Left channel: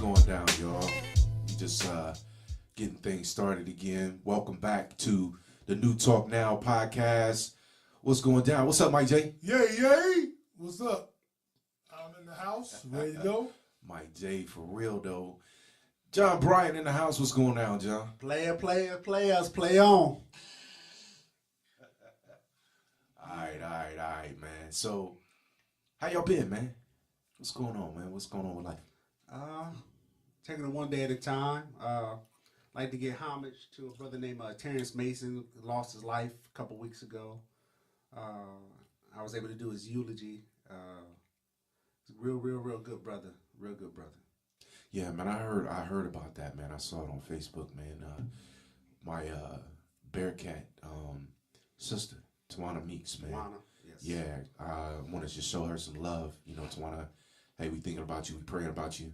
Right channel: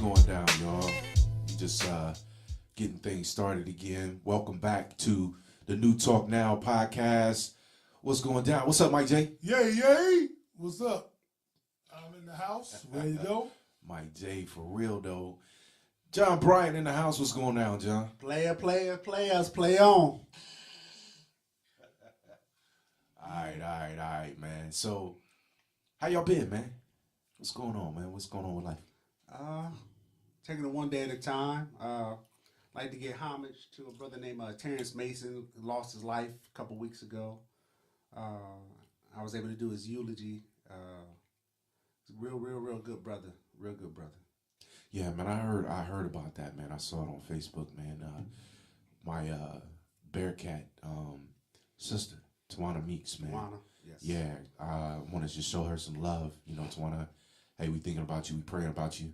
going down, y'all? We just getting things started again. Welcome back to the New Talk Now podcast. What's going down? What's up, Mike J? Yay! What's up? I'm in the house, ready to go. Mike J, for real though. John Bryant in the house. What's going down, John? Players, play on. All right, man. So, how y'all been, man? What's going on, man? What's going on with life? Taking it one day at a time. Like to give homage to a brother named Terrence Mason, who lost his life a couple weeks ago. I was able to do his eulogy. Real good brother. Real good brother. Yeah, man. I heard about that, man. I saw it on Facebook, man. My Bearcat sister, Tawana Meeks, man. Tawana, yes. Yeah, I want to just show her some love. You know, Tawana, hey, we thinking about you, we praying about you,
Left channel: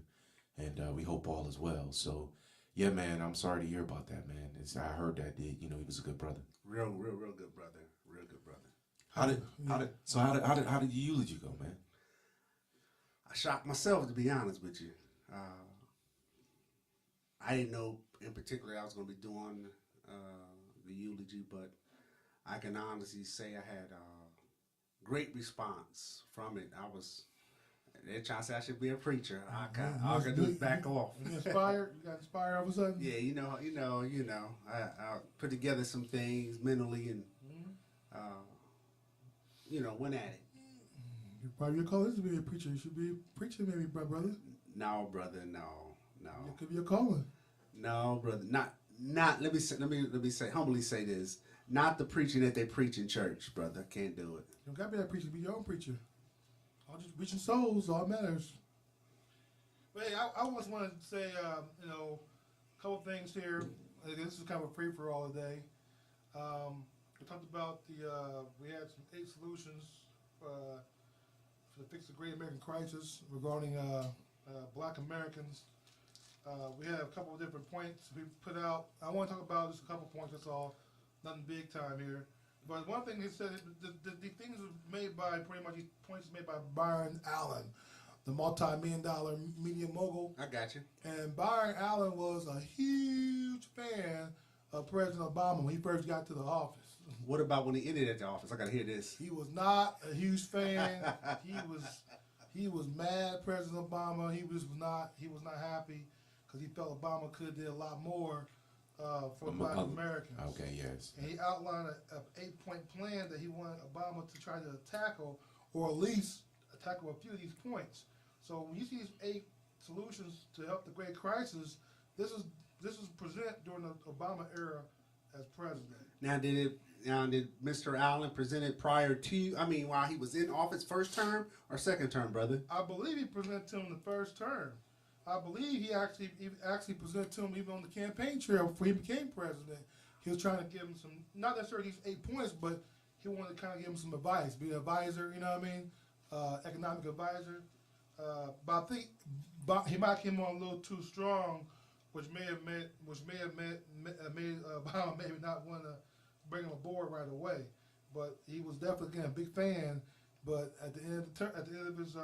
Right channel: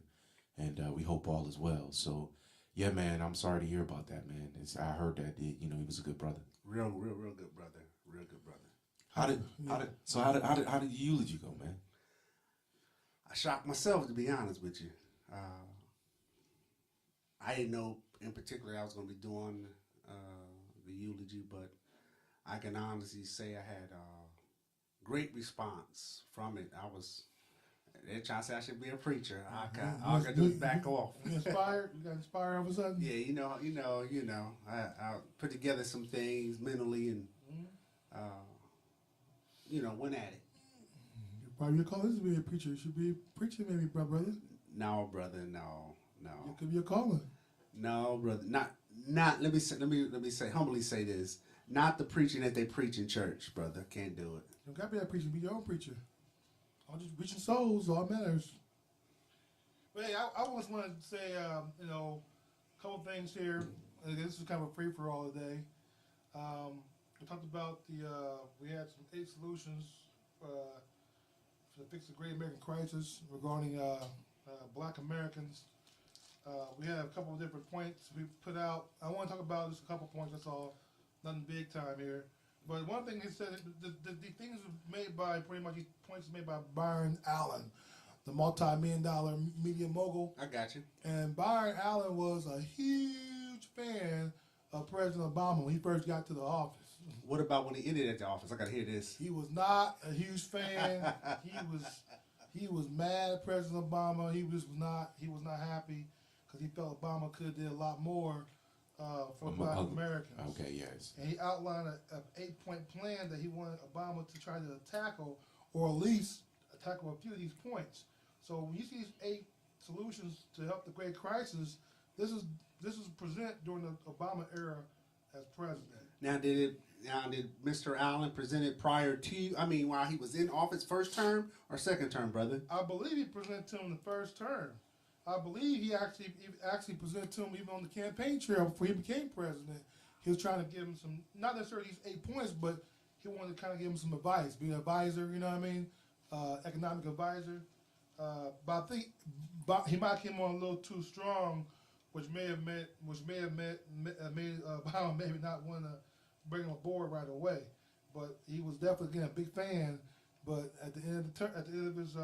and we hope all is well. So, yeah, man, I'm sorry to hear about that, man. I heard that, he was a good brother. Real good brother. Real good brother. How did the eulogy go, man? I shocked myself, to be honest with you. I didn't know in particular I was going to be doing the eulogy, but I can honestly say I had great response from it. They're trying to say I should be a preacher. I can just back off. You inspired? You got inspired all of a sudden? Yeah, you know. I put together some things mentally and, went at it. Probably your calling is to be a preacher. You should be a preacher, maybe, brother. No, brother, no. It could be a calling. No, brother, not. Let me humbly say this. Not the preaching that they preach in church, brother. Can't do it. You don't got to be that preacher. Be your own preacher. All just reaching souls, all matters. But hey, I just want to say, a couple things here. This is kind of a free for all today. We talked about we had some 8 solutions to fix the Great American Crisis regarding Black Americans. We have a couple of different points we put out. I want to talk about just a couple points. That's all. Nothing big time here. But one thing he said, the things made by pretty much these points made by Byron Allen, the multi-million-dollar media mogul. I got you. And Byron Allen was a huge fan of President Obama when he first got to the office. What about when he ended at the office? I got to hear this. He was not a huge fan. He was mad at President Obama. He was not happy because he felt Obama could have did a lot more for Black Americans. Okay, yes. And he outlined an 8-point plan that he wanted Obama to try to tackle, or at least tackle a few of these points. So when you see these 8 solutions to help the Great Crisis, this is presented during the Obama era as president. Now, did Mr. Allen present it prior to? While he was in office, first term or second term, brother? I believe he presented to him the first term. I believe he actually presented to him even on the campaign trail before he became president. He was trying to give him some, not necessarily these 8 points, but he wanted to kind of give him some advice, be an advisor, you know what I mean, economic advisor. But I think he might have came on a little too strong, which may have made Obama maybe not want to bring him aboard right away. But he was definitely, again, a big fan. But at the end of his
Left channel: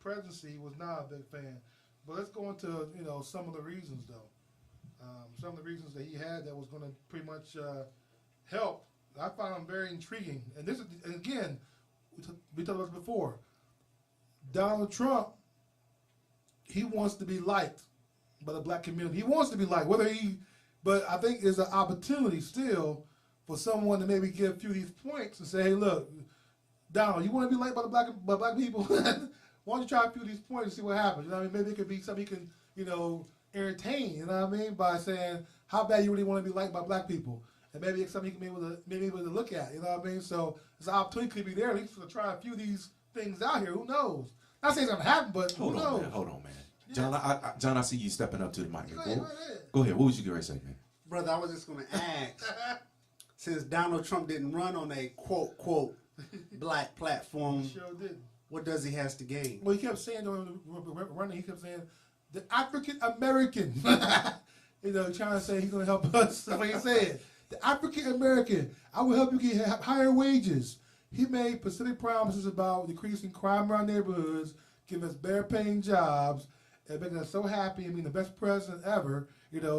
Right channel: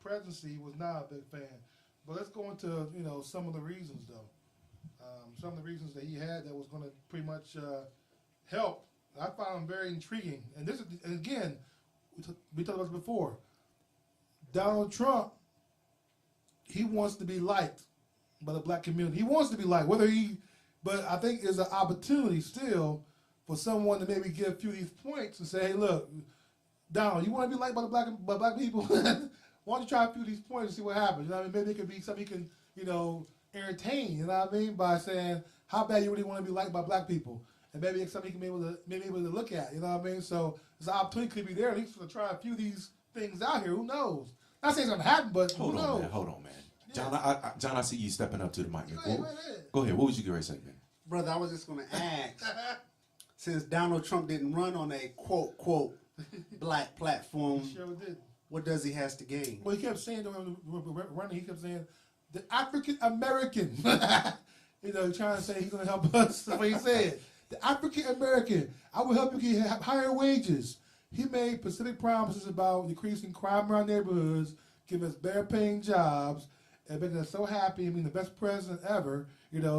presidency, he was not a big fan. But let's go into some of the reasons, though. Some of the reasons that he had that was going to pretty much help. I found them very intriguing. And again, we talked about this before. Donald Trump, he wants to be liked by the Black community. He wants to be liked, but I think there's an opportunity still for someone to maybe give a few of these points and say, hey, look, Donald, you want to be liked by the black people? Why don't you try a few of these points and see what happens? You know what I mean? Maybe it could be something you can, entertain, you know what I mean? By saying how bad you really want to be liked by black people. And maybe it's something you can be able to look at, you know what I mean? So there's an opportunity could be there at least to try a few of these things out here. Who knows? Not saying it's going to happen, but who knows? Hold on, man. Yeah. John, I see you stepping up to the mic. Go ahead. What would you get ready to say, man? Brother, I was just going to ask, since Donald Trump didn't run on a quote black platform, He sure did. What does he has to gain? Well, he kept saying running. He kept saying the African American. Trying to say he's going to help us. That's what he said. The African American. I will help you get higher wages. He made specific promises about decreasing crime in our neighborhoods, giving us better paying jobs, and making us so happy and being the best president ever.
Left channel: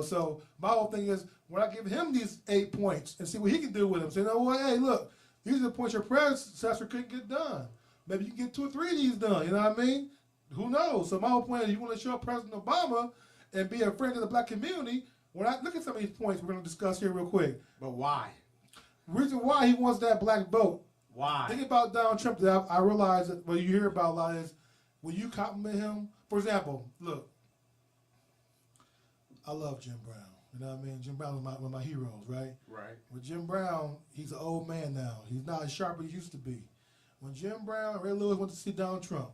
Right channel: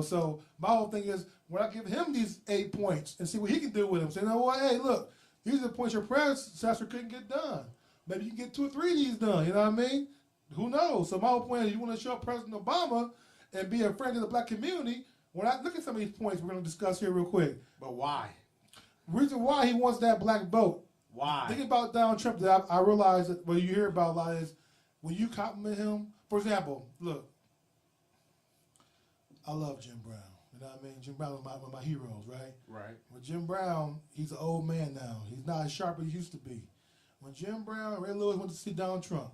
So my whole thing is when I give him these 8 points and see what he can do with them. Say, you know what? Hey, look, these are the points your predecessor couldn't get done. Maybe you can get 2 or 3 of these done. You know what I mean? Who knows? So my whole point is you want to show up President Obama and be a friend to the black community. When I look at some of these points we're going to discuss here real quick. But why? Reason why he wants that black vote. Why? Thinking about Donald Trump, that I realize that what you hear about a lot is when you compliment him. For example, look, I love Jim Brown. You know what I mean? Jim Brown was one of my heroes, right? Right. With Jim Brown, he's an old man now. He's not as sharp as he used to be. When Jim Brown and Ray Lewis went to see Donald Trump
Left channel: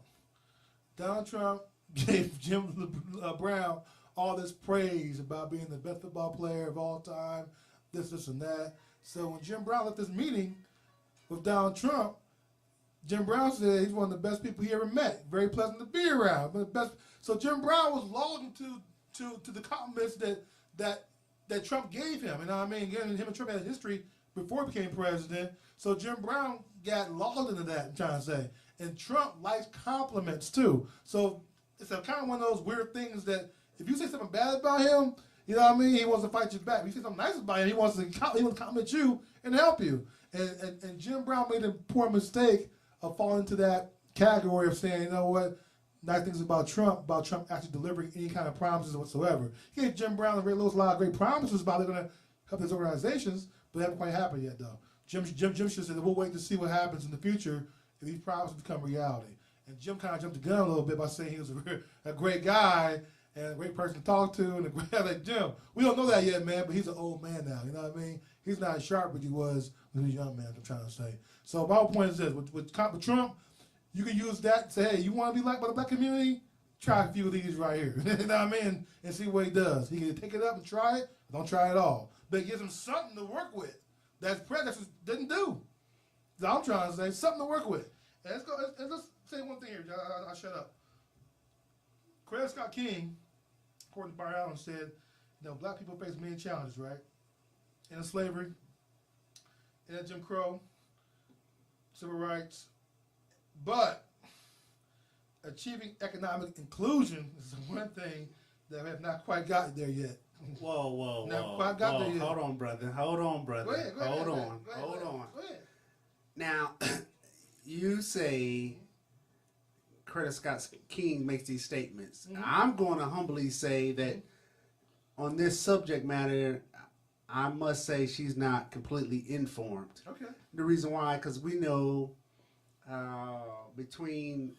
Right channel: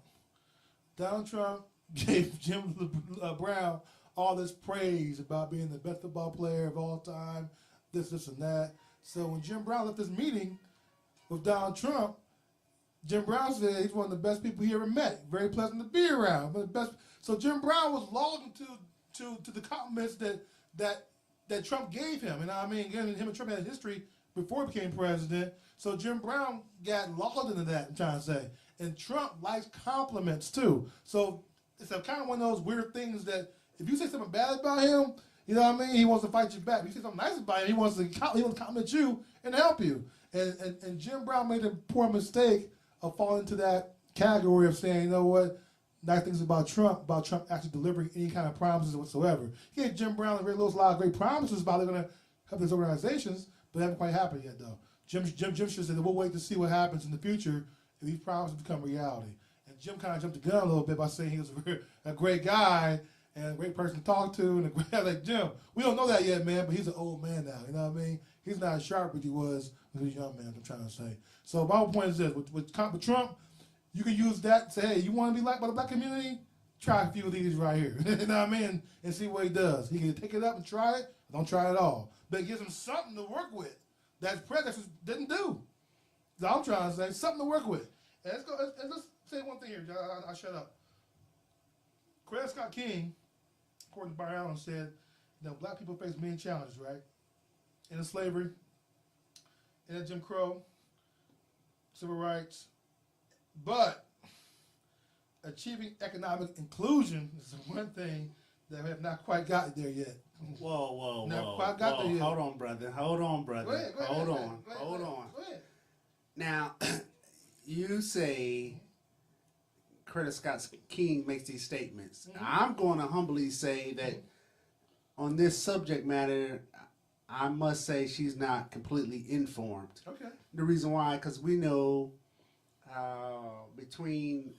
gave Jim Brown all this praise about being the best football player of all time, this, and that. So when Jim Brown left this meeting with Donald Trump, Jim Brown said he's one of the best people he ever met. Very pleasant to be around. But best. So Jim Brown was loyal to the compliments that Trump gave him. You know what I mean? Again, him and Trump had a history before he became president. So Jim Brown got lulled into that, I'm trying to say. And Trump likes compliments too. So it's a kind of one of those weird things that if you say something bad about him, you know what I mean, he wants to fight you back. If you say something nice about him, he wants to compliment you and help you. And Jim Brown made a poor mistake of falling into that category of saying, you know what, nice things about Trump actually delivering any kind of promises whatsoever. He gave Jim Brown and Ray Lewis a lot of great promises about they're going to help these organizations, but they haven't quite happened yet, though. Jim should say that we'll wait to see what happens in the future if these promises become reality. And Jim kind of jumped the gun a little bit by saying he was a great guy and a great person to talk to, and a great like Jim. We don't know that yet, man, but he's an old man now. You know what I mean? He's not as sharp as he was when he was a young man. I'm trying to say. So my whole point is this: with Trump, you can use that and say, hey, you want to be liked by the black community? Try a few of these right here. You know what I mean? And see what he does. He can take it up and try it, or don't try it at all. But it gives him something to work with that predecessors didn't do. That's what I'm trying to say. Something to work with. And let's say one thing here. I'll shut up. Coretta Scott King, according to Byron Allen, said, black people face many challenges, right? In slavery, in Jim Crow, civil rights, but achieving economic inclusion is one thing that we have not quite gotten there yet. Whoa. Quite got there yet. Hold on, brother. Hold on. Go ahead. Now, you say Coretta Scott King makes these statements. Mm-hmm. I'm going to humbly say that on this subject matter, I must say she's not completely informed. Okay. The reason why, because we know between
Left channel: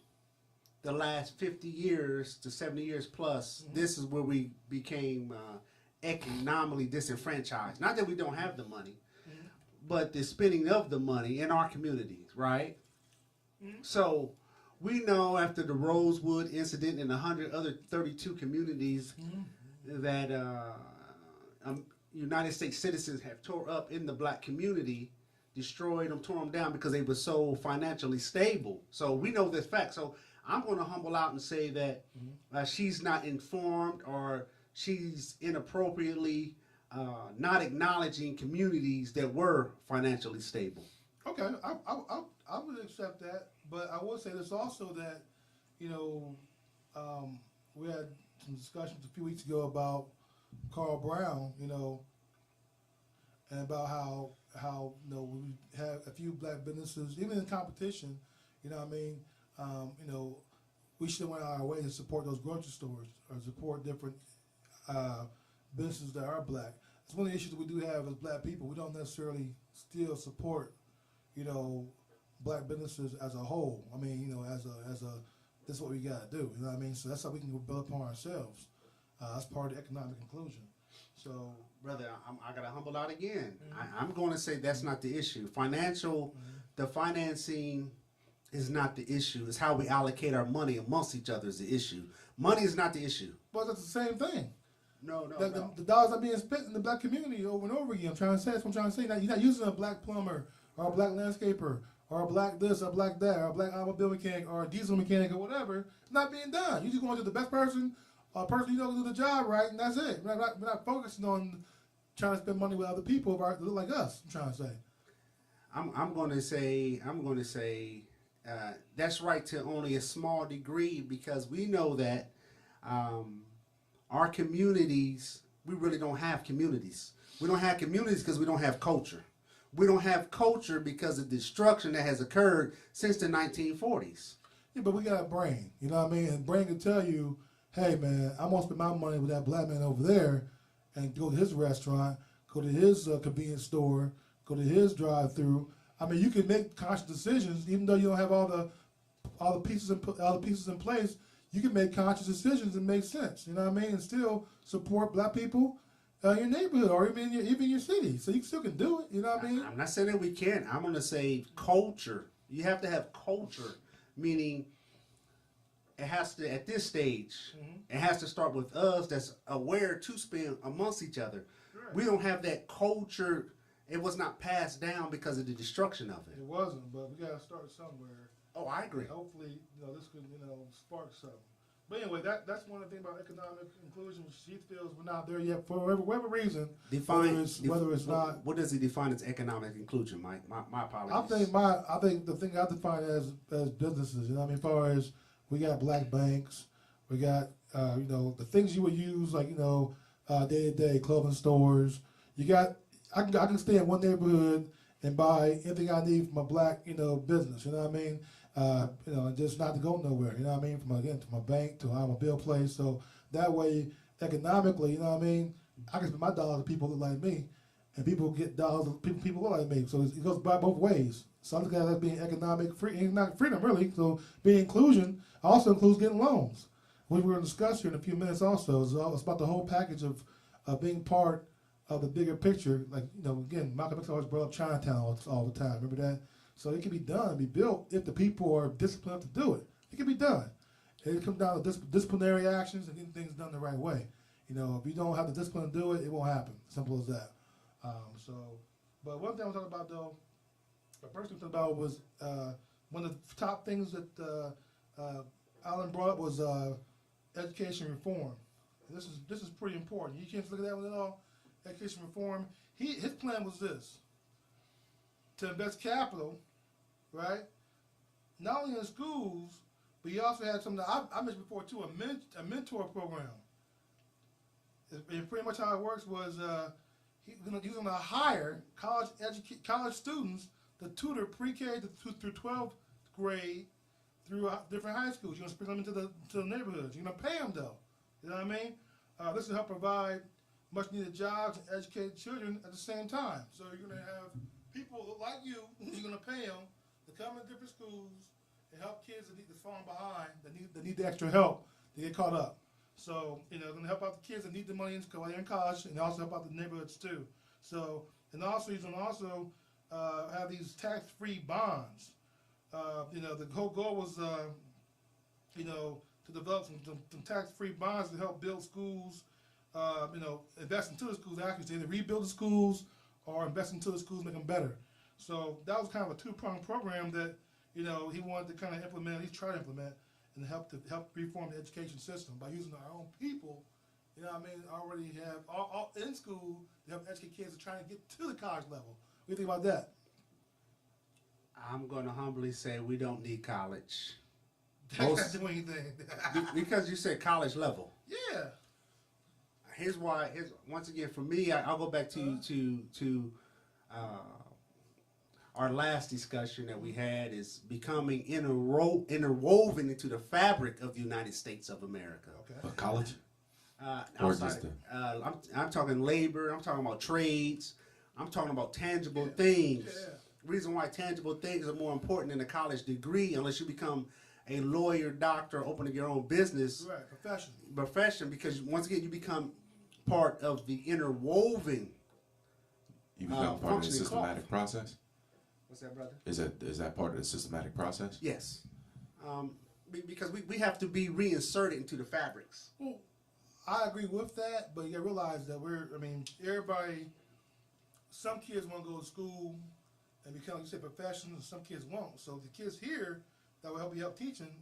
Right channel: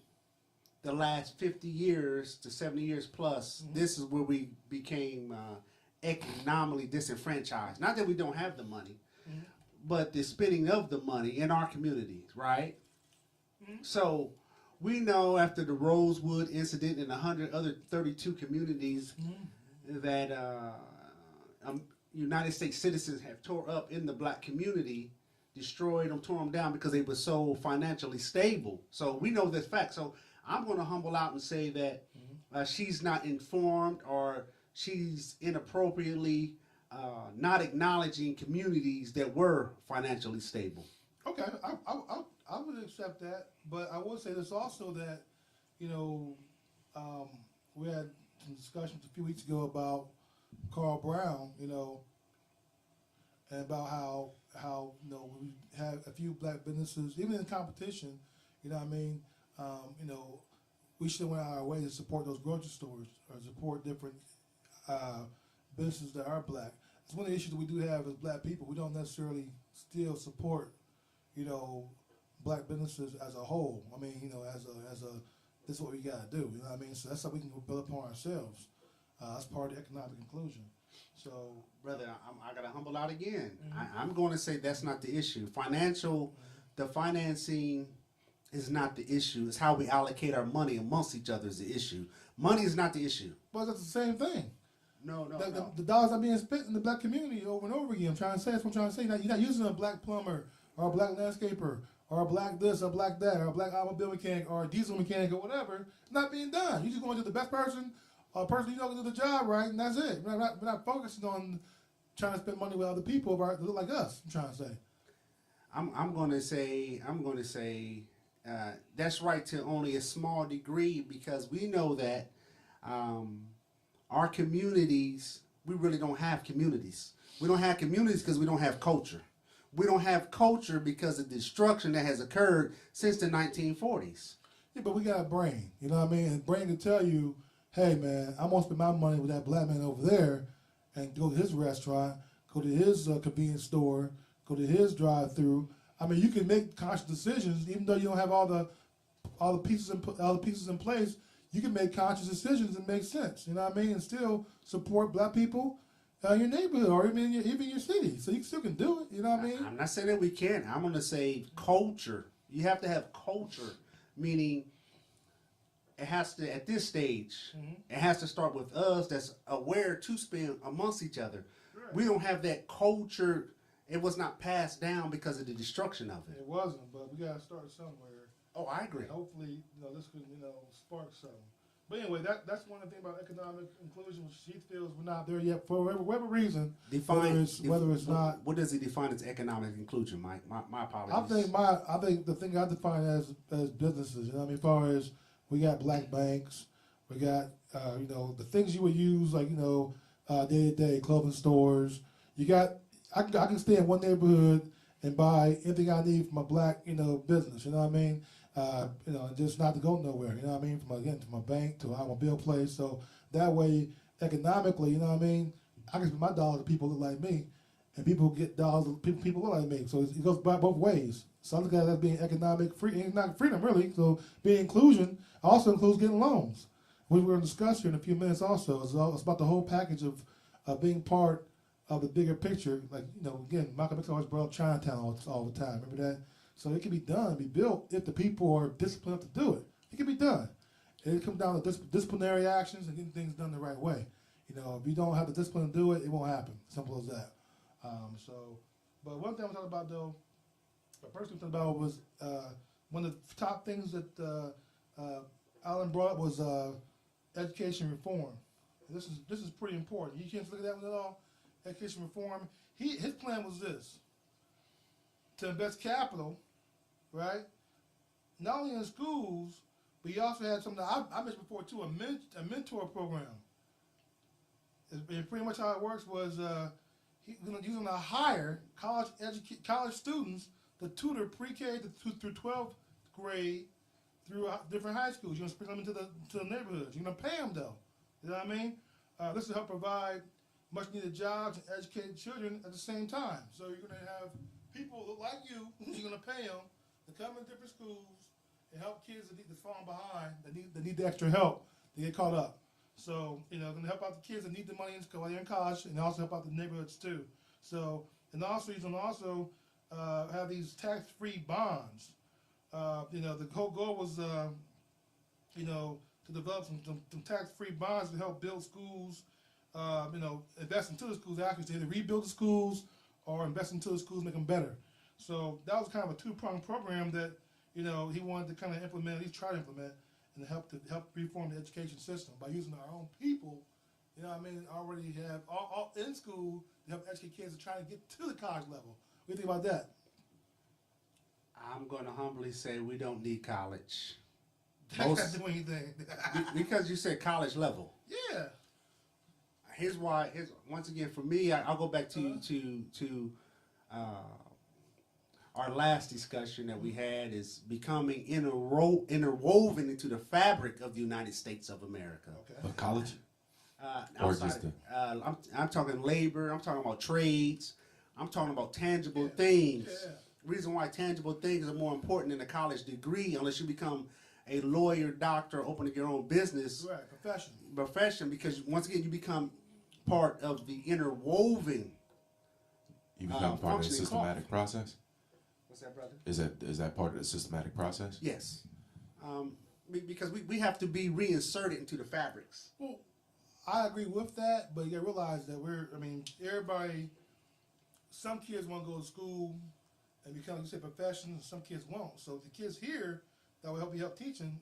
the last 50 years to 70 years plus, this is where we became economically disenfranchised. Not that we don't have the money, but the spending of the money in our communities, right? So we know after the Rosewood incident and 100 other 32 communities that United States citizens have tore up in the black community, destroyed them, tore them down because they were so financially stable. So we know this fact. So I'm going to humble out and say that she's not informed, or she's inappropriately not acknowledging communities that were financially stable. Okay, I would accept that, but I will say this also that, we had some discussions a few weeks ago about Carl Brown, and about how we have a few black businesses, even in competition, we should have went out of our way to support those grocery stores or support different businesses that are black. It's one of the issues that we do have as black people. We don't necessarily still support, black businesses as a whole. I mean, this is what we got to do. You know what I mean? So that's how we can build upon ourselves. That's part of the economic inclusion. So, brother, I got to humble out again. I'm going to say that's not the issue. The financing is not the issue. It's how we allocate our money amongst each other is the issue. Money is not the issue. Well, that's the same thing. No. The dollars are being spent in the black community over and over again. I'm trying to say that's what I'm trying to say. You're not using a black plumber or a black landscaper or a black this or black that or a black automobile mechanic or a diesel mechanic or whatever. It's not being done. You're just going to do the best person or a person you know can do the job right, and that's it. We're not focusing on trying to spend money with other people that look like us. I'm trying to say. I'm going to say that's right to only a small degree, because we know that Our communities, we really don't have communities. We don't have communities because we don't have culture. We don't have culture because of the destruction that has occurred since the 1940s. Yeah, but we got a brain. You know what I mean? And brain can tell you, hey, man, I'm going to spend my money with that black man over there and go to his restaurant, go to his convenience store, go to his drive-through. I mean, you can make conscious decisions, even though you don't have all the pieces in place. You can make conscious decisions and make sense. You know what I mean? And still support black people in your neighborhood or even your city. So you still can do it. You know what I mean? I'm not saying that we can't. I'm going to say culture. You have to have culture, meaning it has to, at this stage, it has to start with us that's aware to spend amongst each other. Right. We don't have that culture. It was not passed down because of the destruction of it. It wasn't, but we got to start somewhere. Oh, I agree. And hopefully, this could, spark something. But anyway, that's one of the things about economic inclusion, which she feels we're not there yet for whatever reason. Whether it's not. What does he define as economic inclusion, Mike? My apologies. I think the thing I define as businesses. You know what I mean? As far as we got black banks, we got the things you would use like day-to-day clothing stores. You got I can stay in one neighborhood and buy anything I need from a black business. You know what I mean? And just not to go nowhere. You know what I mean? To my bank, to an automobile place. So that way, economically, you know what I mean? I can spend my dollars to people that look like me, and people get dollars to people look like me. So it goes by both ways. So I look at it as being economic freedom, really. So being inclusion also includes getting loans, which we're going to discuss here in a few minutes also. It's about the whole package of being part of the bigger picture. Like, again, Malcolm X always brought up Chinatown all the time. Remember that? So it can be done, be built if the people are disciplined to do it. It can be done. It comes down to disciplinary actions and getting things done the right way. If you don't have the discipline to do it, it won't happen. Simple as that. But one thing I was talking about, though, the first thing I was talking about was one of the top things that Allen brought up was education reform. This is pretty important. You can't look at that one at all. Education reform. His plan was this: to invest capital, right? Not only in schools, but he also had something that I mentioned before too, a mentor program. And pretty much how it works was he's going to hire college students to tutor pre-K through 12th grade through different high schools. You're going to sprinkle them into the neighborhoods. You're going to pay them though. You know what I mean? This will help provide much needed jobs and educated children at the same time. So you're going to have people like you, you're going to pay them to come in different schools and help kids that's falling behind, that need the extra help to get caught up. So, going to help out the kids that need the money while they're in college, and also help out the neighborhoods too. So, and also he's going to have these tax-free bonds. The whole goal was, to develop some tax-free bonds to help build schools, invest into the schools, actually, to either rebuild the schools or invest into the schools, make them better. So that was kind of a two-pronged program that, he wanted to kind of implement, at least try to implement, and help reform the education system by using our own people, already have all in school to help educate kids to try to get to the college level. What do you think about that? I'm going to humbly say we don't need college. That can't do anything. Because you said college level. Yeah. Here's why. Once again, for me, I'll go back to our last discussion that we had is becoming interwoven into the fabric of the United States of America. Okay. College? Or just I'm talking labor. I'm talking about trades. I'm talking about tangible things. Yeah. Reason why tangible things are more important than a college degree, unless you become a lawyer, doctor, opening your own business. Right, profession, because once again, you become part of the interwoven. You become part of the systematic process? What's that, brother? Is that part of the systematic process? Yes. Because we have to be reinserted into the fabrics. Well, I agree with that, but you got to realize that everybody, some kids want to go to school and become, you say, professionals, and some kids won't. So the kids here that will help teaching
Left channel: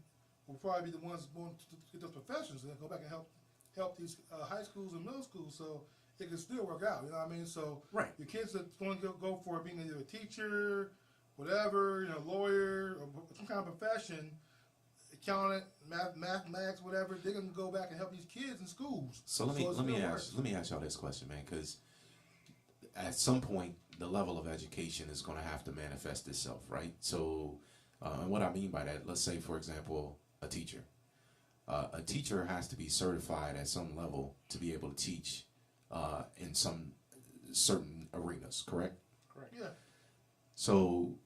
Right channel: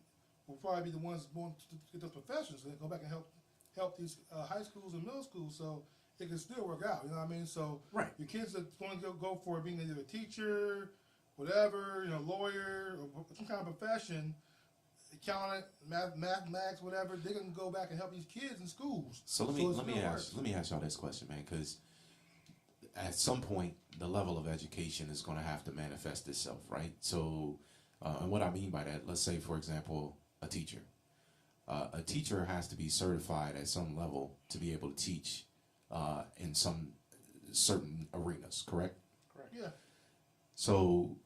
will probably be the ones born to get those professions and go back and help these high schools and middle schools. So it can still work out. You know what I mean? So right. Your kids that want to go for being either a teacher, whatever, lawyer, or some kind of profession, accountant, mathematics, whatever, they're gonna go back and help these kids in schools. So let me ask y'all this question, man, because at some point the level of education is going to have to manifest itself, right? So, and what I mean by that, let's say, for example, a teacher. A teacher has to be certified at some level to be able to teach in some certain arenas, correct? Correct. Yeah. So,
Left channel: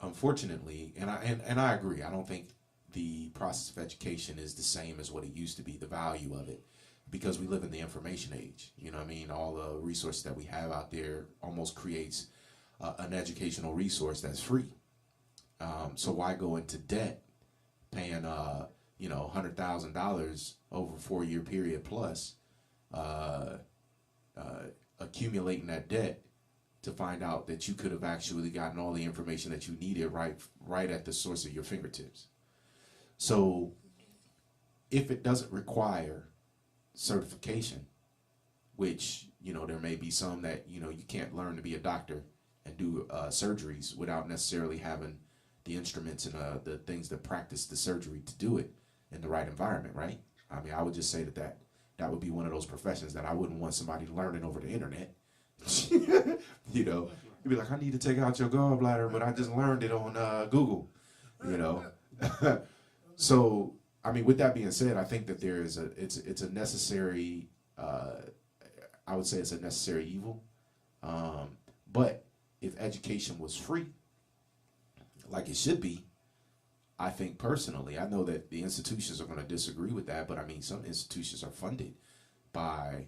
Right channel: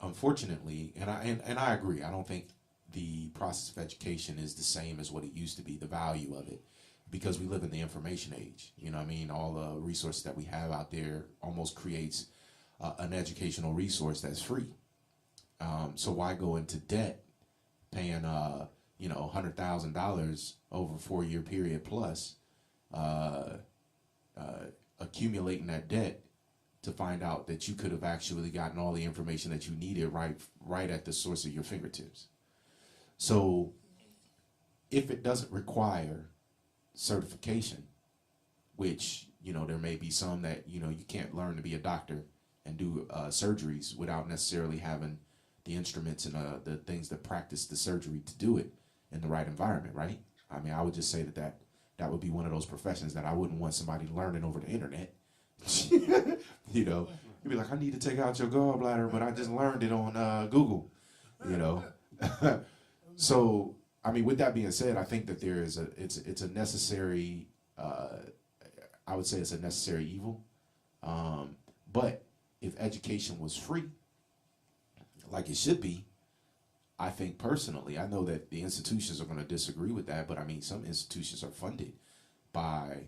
unfortunately, and I agree. I don't think the process of education is the same as what it used to be. The value of it, because we live in the information age. You know what I mean? All the resources that we have out there almost creates an educational resource that's free. So why go into debt, paying $100,000 over a 4-year period plus, accumulating that debt to find out that you could have actually gotten all the information that you needed right at the source of your fingertips. So if it doesn't require certification, which, there may be some that, you can't learn to be a doctor and do surgeries without necessarily having the instruments and the things that practice the surgery to do it in the right environment, right? I mean, I would just say that would be one of those professions that I wouldn't want somebody learning over the internet. You'd be like, I need to take out your gallbladder, but I just learned it on Google, So, I mean, with that being said, I think that it's a necessary, I would say it's a necessary evil. But if education was free, like it should be, I think personally, I know that the institutions are going to disagree with that, but I mean, some institutions are funded by,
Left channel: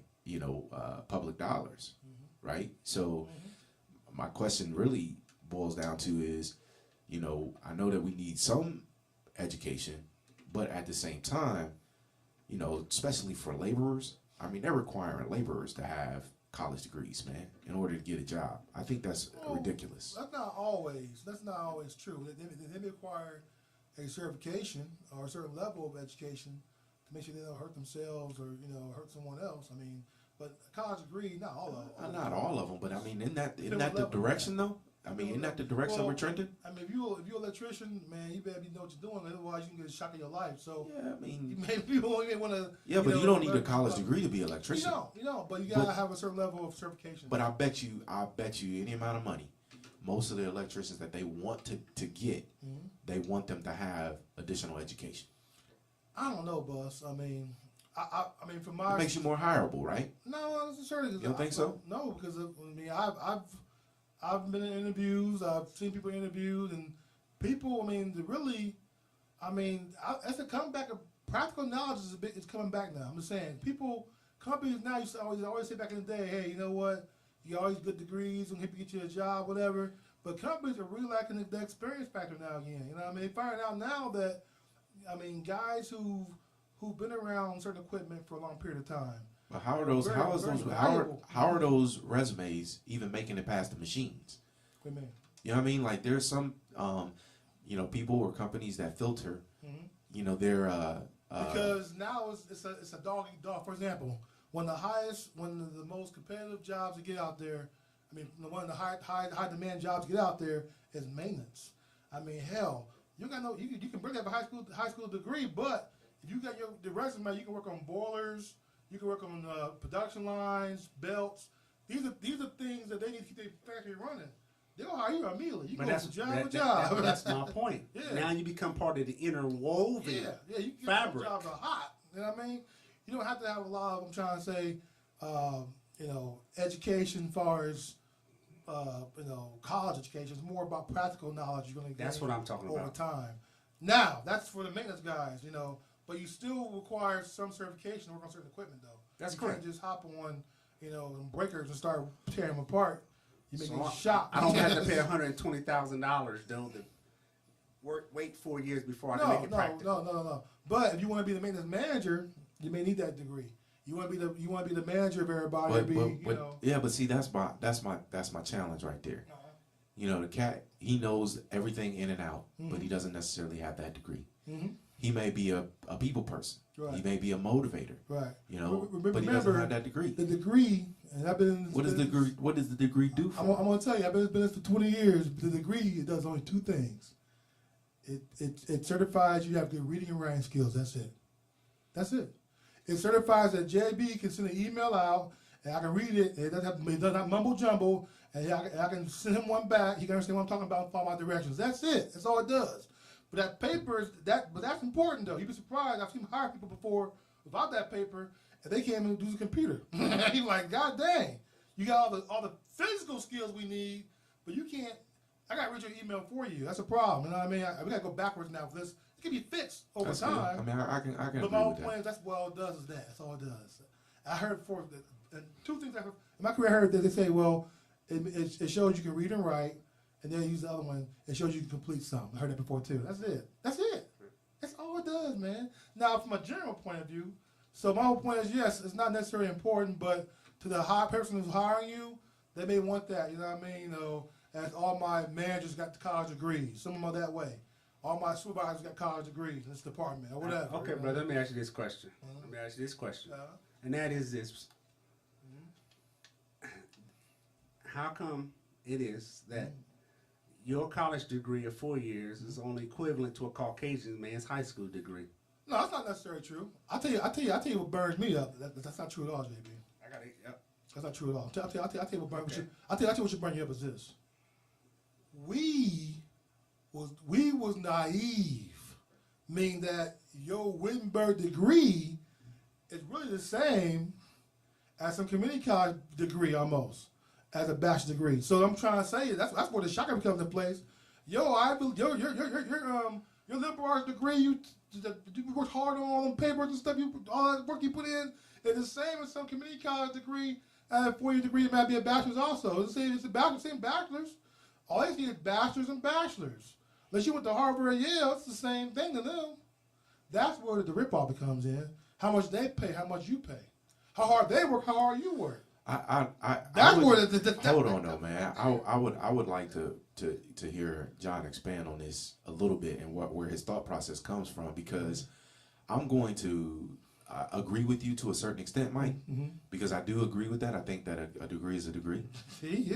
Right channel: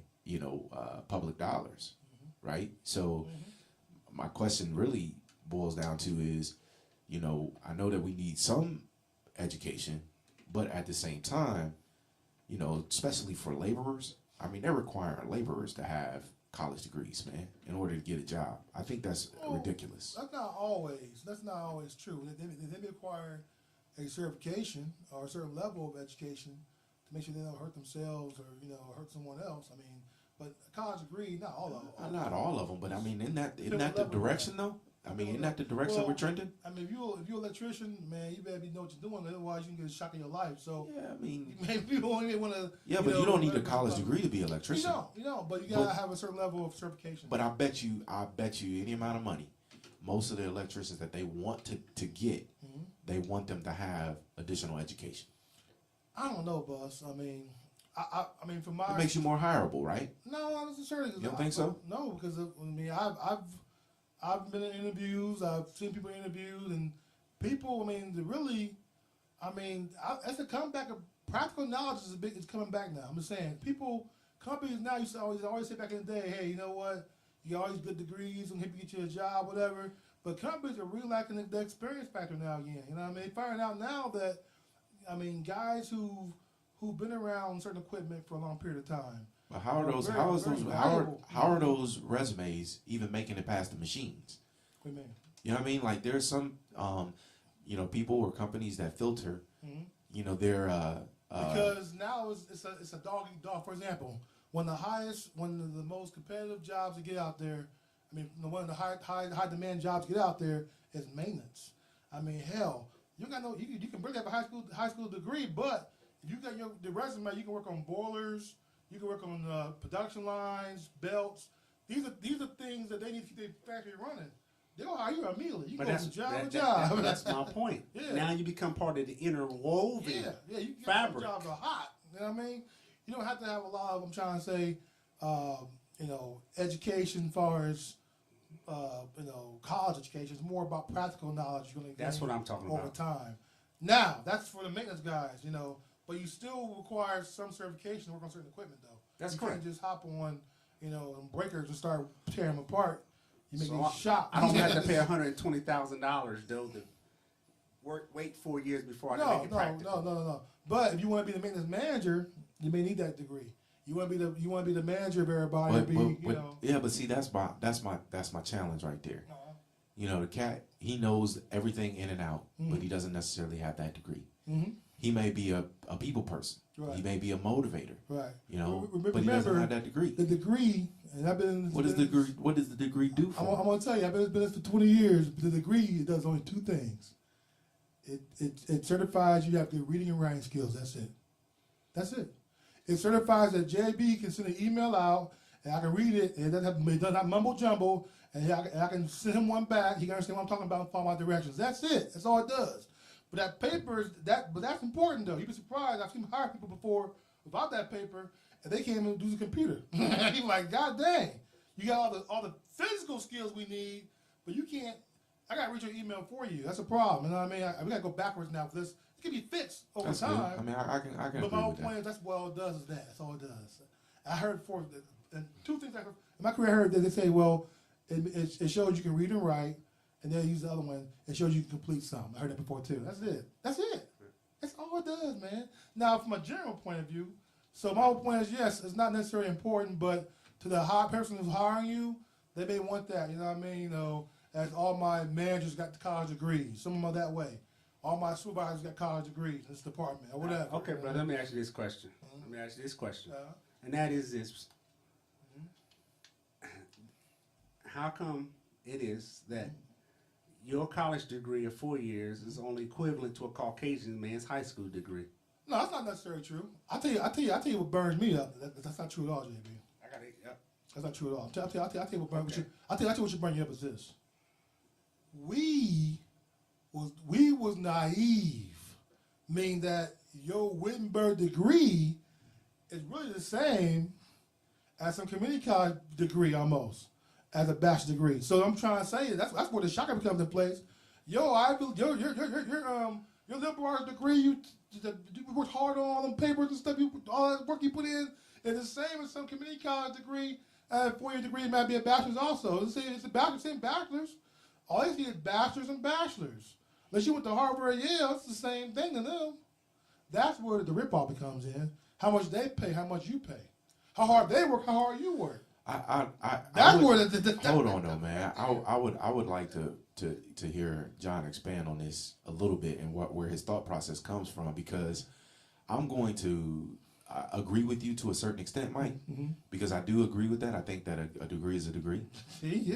public dollars, right? So my question really boils down to is, I know that we need some education, but at the same time, especially for laborers, I mean, they're requiring laborers to have college degrees, man, in order to get a job. I think that's ridiculous. That's not always true. They require a certification or a certain level of education to make sure they don't hurt themselves or hurt someone else. I mean, but a college degree, not all of them. Not all of them, but I mean, isn't that the direction though? I mean, isn't that the direction we're trending? I mean, if you're an electrician, man, you better know what you're doing. Otherwise, you can get a shock in your life. So yeah, I mean, you may want to. Yeah, but you don't need a college degree to be an electrician. You don't, but you gotta have a certain level of certification. But I bet you any amount of money, most of the electricians that they want to get, they want them to have additional education. I don't know, boss. I mean, I mean, for my, it makes you more hireable, right? No, not necessarily. You don't think so? No, because I've been in interviews. I've seen people interviewed, and people. I mean, it's a comeback of practical knowledge is coming back now. I'm just saying, companies now used to always say back in the day, hey, you know what? You always good degrees and help you get you a job, whatever. But companies are really lacking the experience factor now again. You know what I mean? They're finding out now that, I mean, guys who've been around certain equipment for a long period of time. But how are those resumes even making it past the machines? What do you mean? You know what I mean? Like there's some, people or companies that filter. They're because now it's a dog eat dog. For example, one of the most competitive jobs to get out there. I mean, one of the high demand jobs to get out there is maintenance. I mean, hell, you can bring up a high school degree, but if you got the resume, you can work on boilers. You can work on production lines, belts. These are things that they need to keep their factory running. They'll hire you immediately. You go from job to job. That's my point. Yeah. Now you become part of the interwoven you can fabric. Jobs are hot. You know what I mean? You don't have to have a lot of, I'm trying to say, education as far as, college education. It's more about practical knowledge you're going to gain. That's what I'm talking over about. time. Now, that's for the maintenance guys, but you still require some certification to work on certain equipment, though. That's you correct. Can't just hop on, some breakers and start tearing them apart. You make me So shocked. I don't have to pay $120,000 though to wait 4 years before I can make it practical. No. But if you want to be the maintenance manager, you may need that degree. You want to be the manager of everybody. Yeah, but see, that's my challenge right there. The cat, he knows everything in and out, but he doesn't necessarily have that degree. Mm-hmm. He may be a people person. Right. He may be a motivator. Right. But he doesn't have that degree. The degree, and I've been. What does the degree do for? I'm going to tell you, I've been in this for 20 years. But the degree, it does only two things. It certifies you have good reading and writing skills. That's it. That's it. It certifies that JB can send an email out and I can read it. And it does not mumble jumble. And I can send him one back. He can understand what I'm talking about and follow my directions. That's it. That's all it does. But that paper but that's important though. You'd be surprised. I've seen hire people before without that paper, and they can't even do the computer. You're like, God dang, you got all the physical skills we need, but you can't. I gotta read your email for you. That's a problem. You know what I mean? We gotta go backwards now for this. It can be fixed over That's time. good. I mean, I can But agree my whole with point that. is that's what all it does is that. That's all it does. I heard before, and two things I heard in my career. I heard that they say, well, it shows you can read and write, and then use the other one. It shows you can complete something. I heard that before too. That's it. That's it. That's all it does, man. Now, from a general point of view, so my whole point is, yes, it's not necessarily important, but to the person who's hiring you, they may want that. You know what I mean? You know, as all my managers got college degrees. Some of them are that way. All my supervisors got college degrees in this department or whatever. Okay, you know? brother, let me ask you this question. Let me ask you this question. And that is this. How come it is that your college degree of 4 years is only equivalent to a Caucasian man's high school degree? No, that's not necessarily true. I'll tell you what burns me up. That's not true at all, JB. I got it. Yep. That's not true at all. I'll tell you what burns. I'll tell you what should burn you up is this. We was naive, meaning that your Wittenberg degree is really the same as some community college degree almost, as a bachelor's degree. So I'm trying to say that's where the shocker becomes in place. Your liberal arts degree, you worked hard on all them papers and stuff, all that work you put in, is the same as some community college degree. A 4-year degree, it might be a bachelor's also. It's a bachelor's, same bachelor's. All they see is bachelors and bachelors. Unless you went to Harvard or Yale, it's the same thing to them. That's where the ripoff becomes in. How much they pay, how much you pay. How hard they work, how hard you work. That's where hold on though, man. I would like to hear John expand on this a little bit and where his thought process comes from, because I'm going to agree with you to a certain extent, Mike, because I do agree with that. I think that a degree is a degree.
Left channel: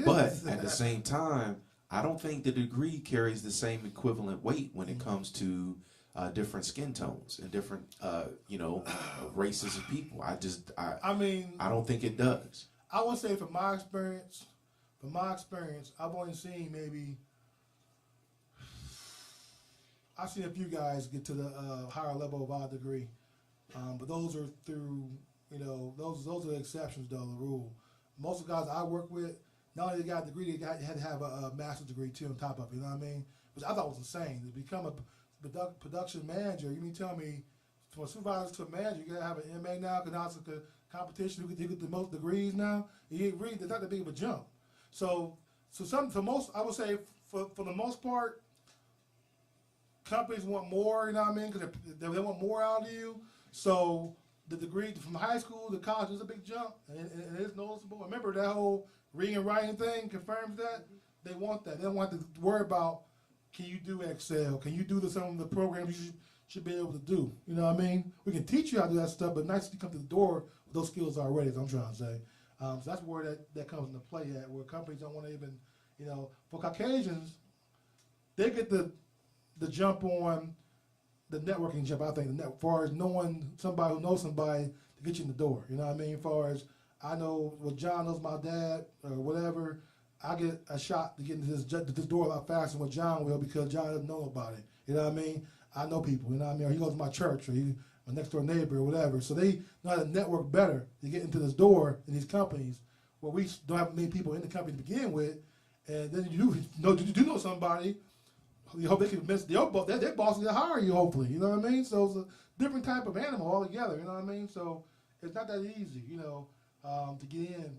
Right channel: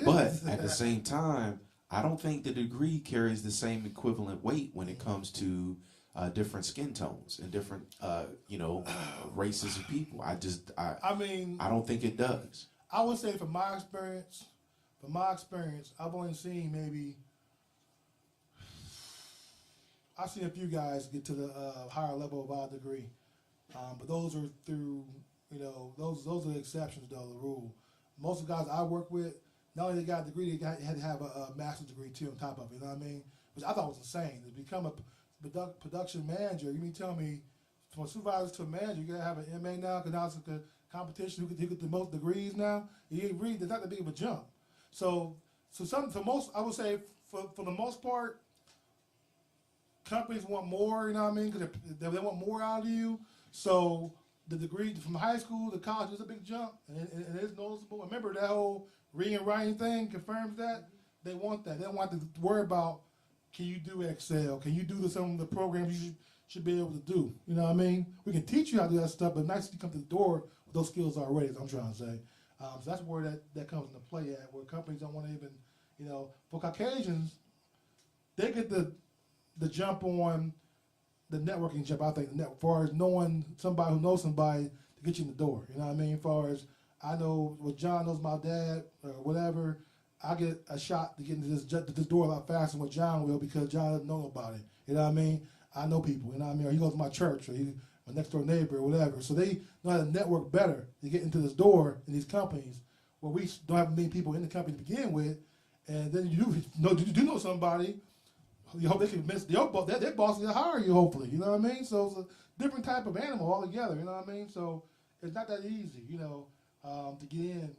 But at the same time, I don't think the degree carries the same equivalent weight when it comes to different skin tones and different, races of people. I don't think it does. I would say from my experience, I've only seen I've seen a few guys get to the higher level of our degree. But those are through, those are the exceptions, though, the rule. Most of the guys I work with, not only they got a degree, they had to have a master's degree, too, on top of it, you know what I mean? Which I thought was insane. To become a production manager, you mean tell me, from a supervisor to a manager, you got to have an MA now, because now it's like a competition, who get the most degrees now? You ain't really, there's not that big of a jump. So I would say, for the most part, companies want more, you know what I mean? Because they want more out of you. So the degree from high school to college is a big jump, and it is noticeable. Remember that whole reading and writing thing confirms that. They want that. They don't want to worry about, can you do Excel? Can you do some of the programs you should be able to do? You know what I mean? We can teach you how to do that stuff, but nice to come to the door with those skills already, is what I'm trying to say. So that's where that comes into play at, where companies don't want to even, for Caucasians, they get the jump on the networking jump. I think as far as knowing somebody who knows somebody to get you in the door. You know what I mean? As far as I know, what John knows my dad or whatever, I get a shot to get into this door a lot faster than what John will, because John doesn't know nobody. You know what I mean? I know people. You know what I mean? Or he goes to my church, or he my next door neighbor or whatever. So they know how to network better to get into this door in these companies where we don't have many people in the company to begin with, and then you do know somebody. You hope they can convince their boss to hire you, hopefully. You know what I mean? So it's a different type of animal altogether. You know what I mean? So it's not that easy, to get in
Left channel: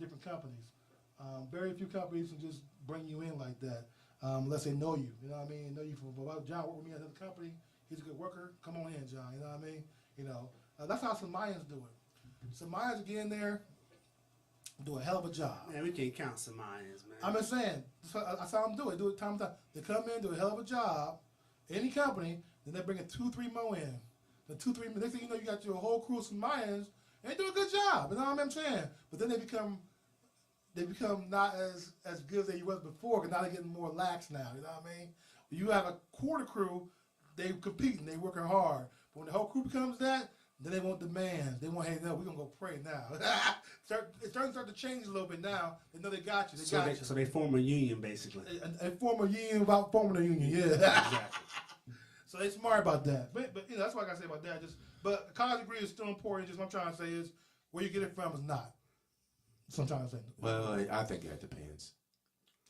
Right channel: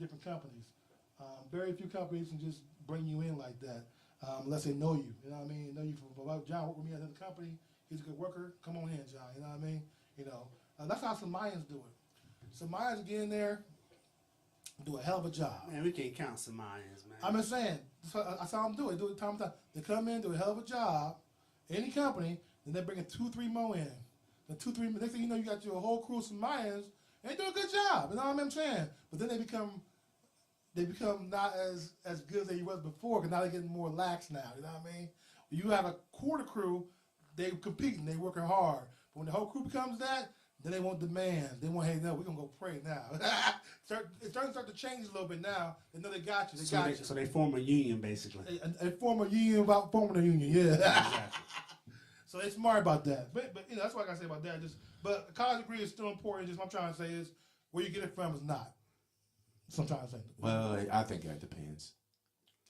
different companies. Very few companies can just bring you in like that unless they know you. You know what I mean? Know you from John worked with me at another company. He's a good worker. Come on in, John. You know what I mean? That's how Samayans do it. Samayans get in there, do a hell of a job. Man, we can't count Samayans, man. I'm just saying, that's how them do it. Do it time to time. They come in, do a hell of a job, any company, then they bring 2-3 more in. The 2-3, next thing you know, you got your whole crew of Samayans, and they do a good job. You know what I'm saying? But then they become not as good as they was before, because now they're getting more lax now. You know what I mean? You have a quarter crew, they competing, they working hard. But when the whole crew becomes that, then they want demands. They want, hey, no, we're gonna go pray now. It's starting to change a little bit now. They know they got you. So they form a union basically. They form a union without forming a union. Yeah, Exactly. So they smart about that. But that's what I gotta say about that. But a college degree is still important. Just what I'm trying to say is where you get it from is not. That's what I'm trying to say. Well, I think that depends.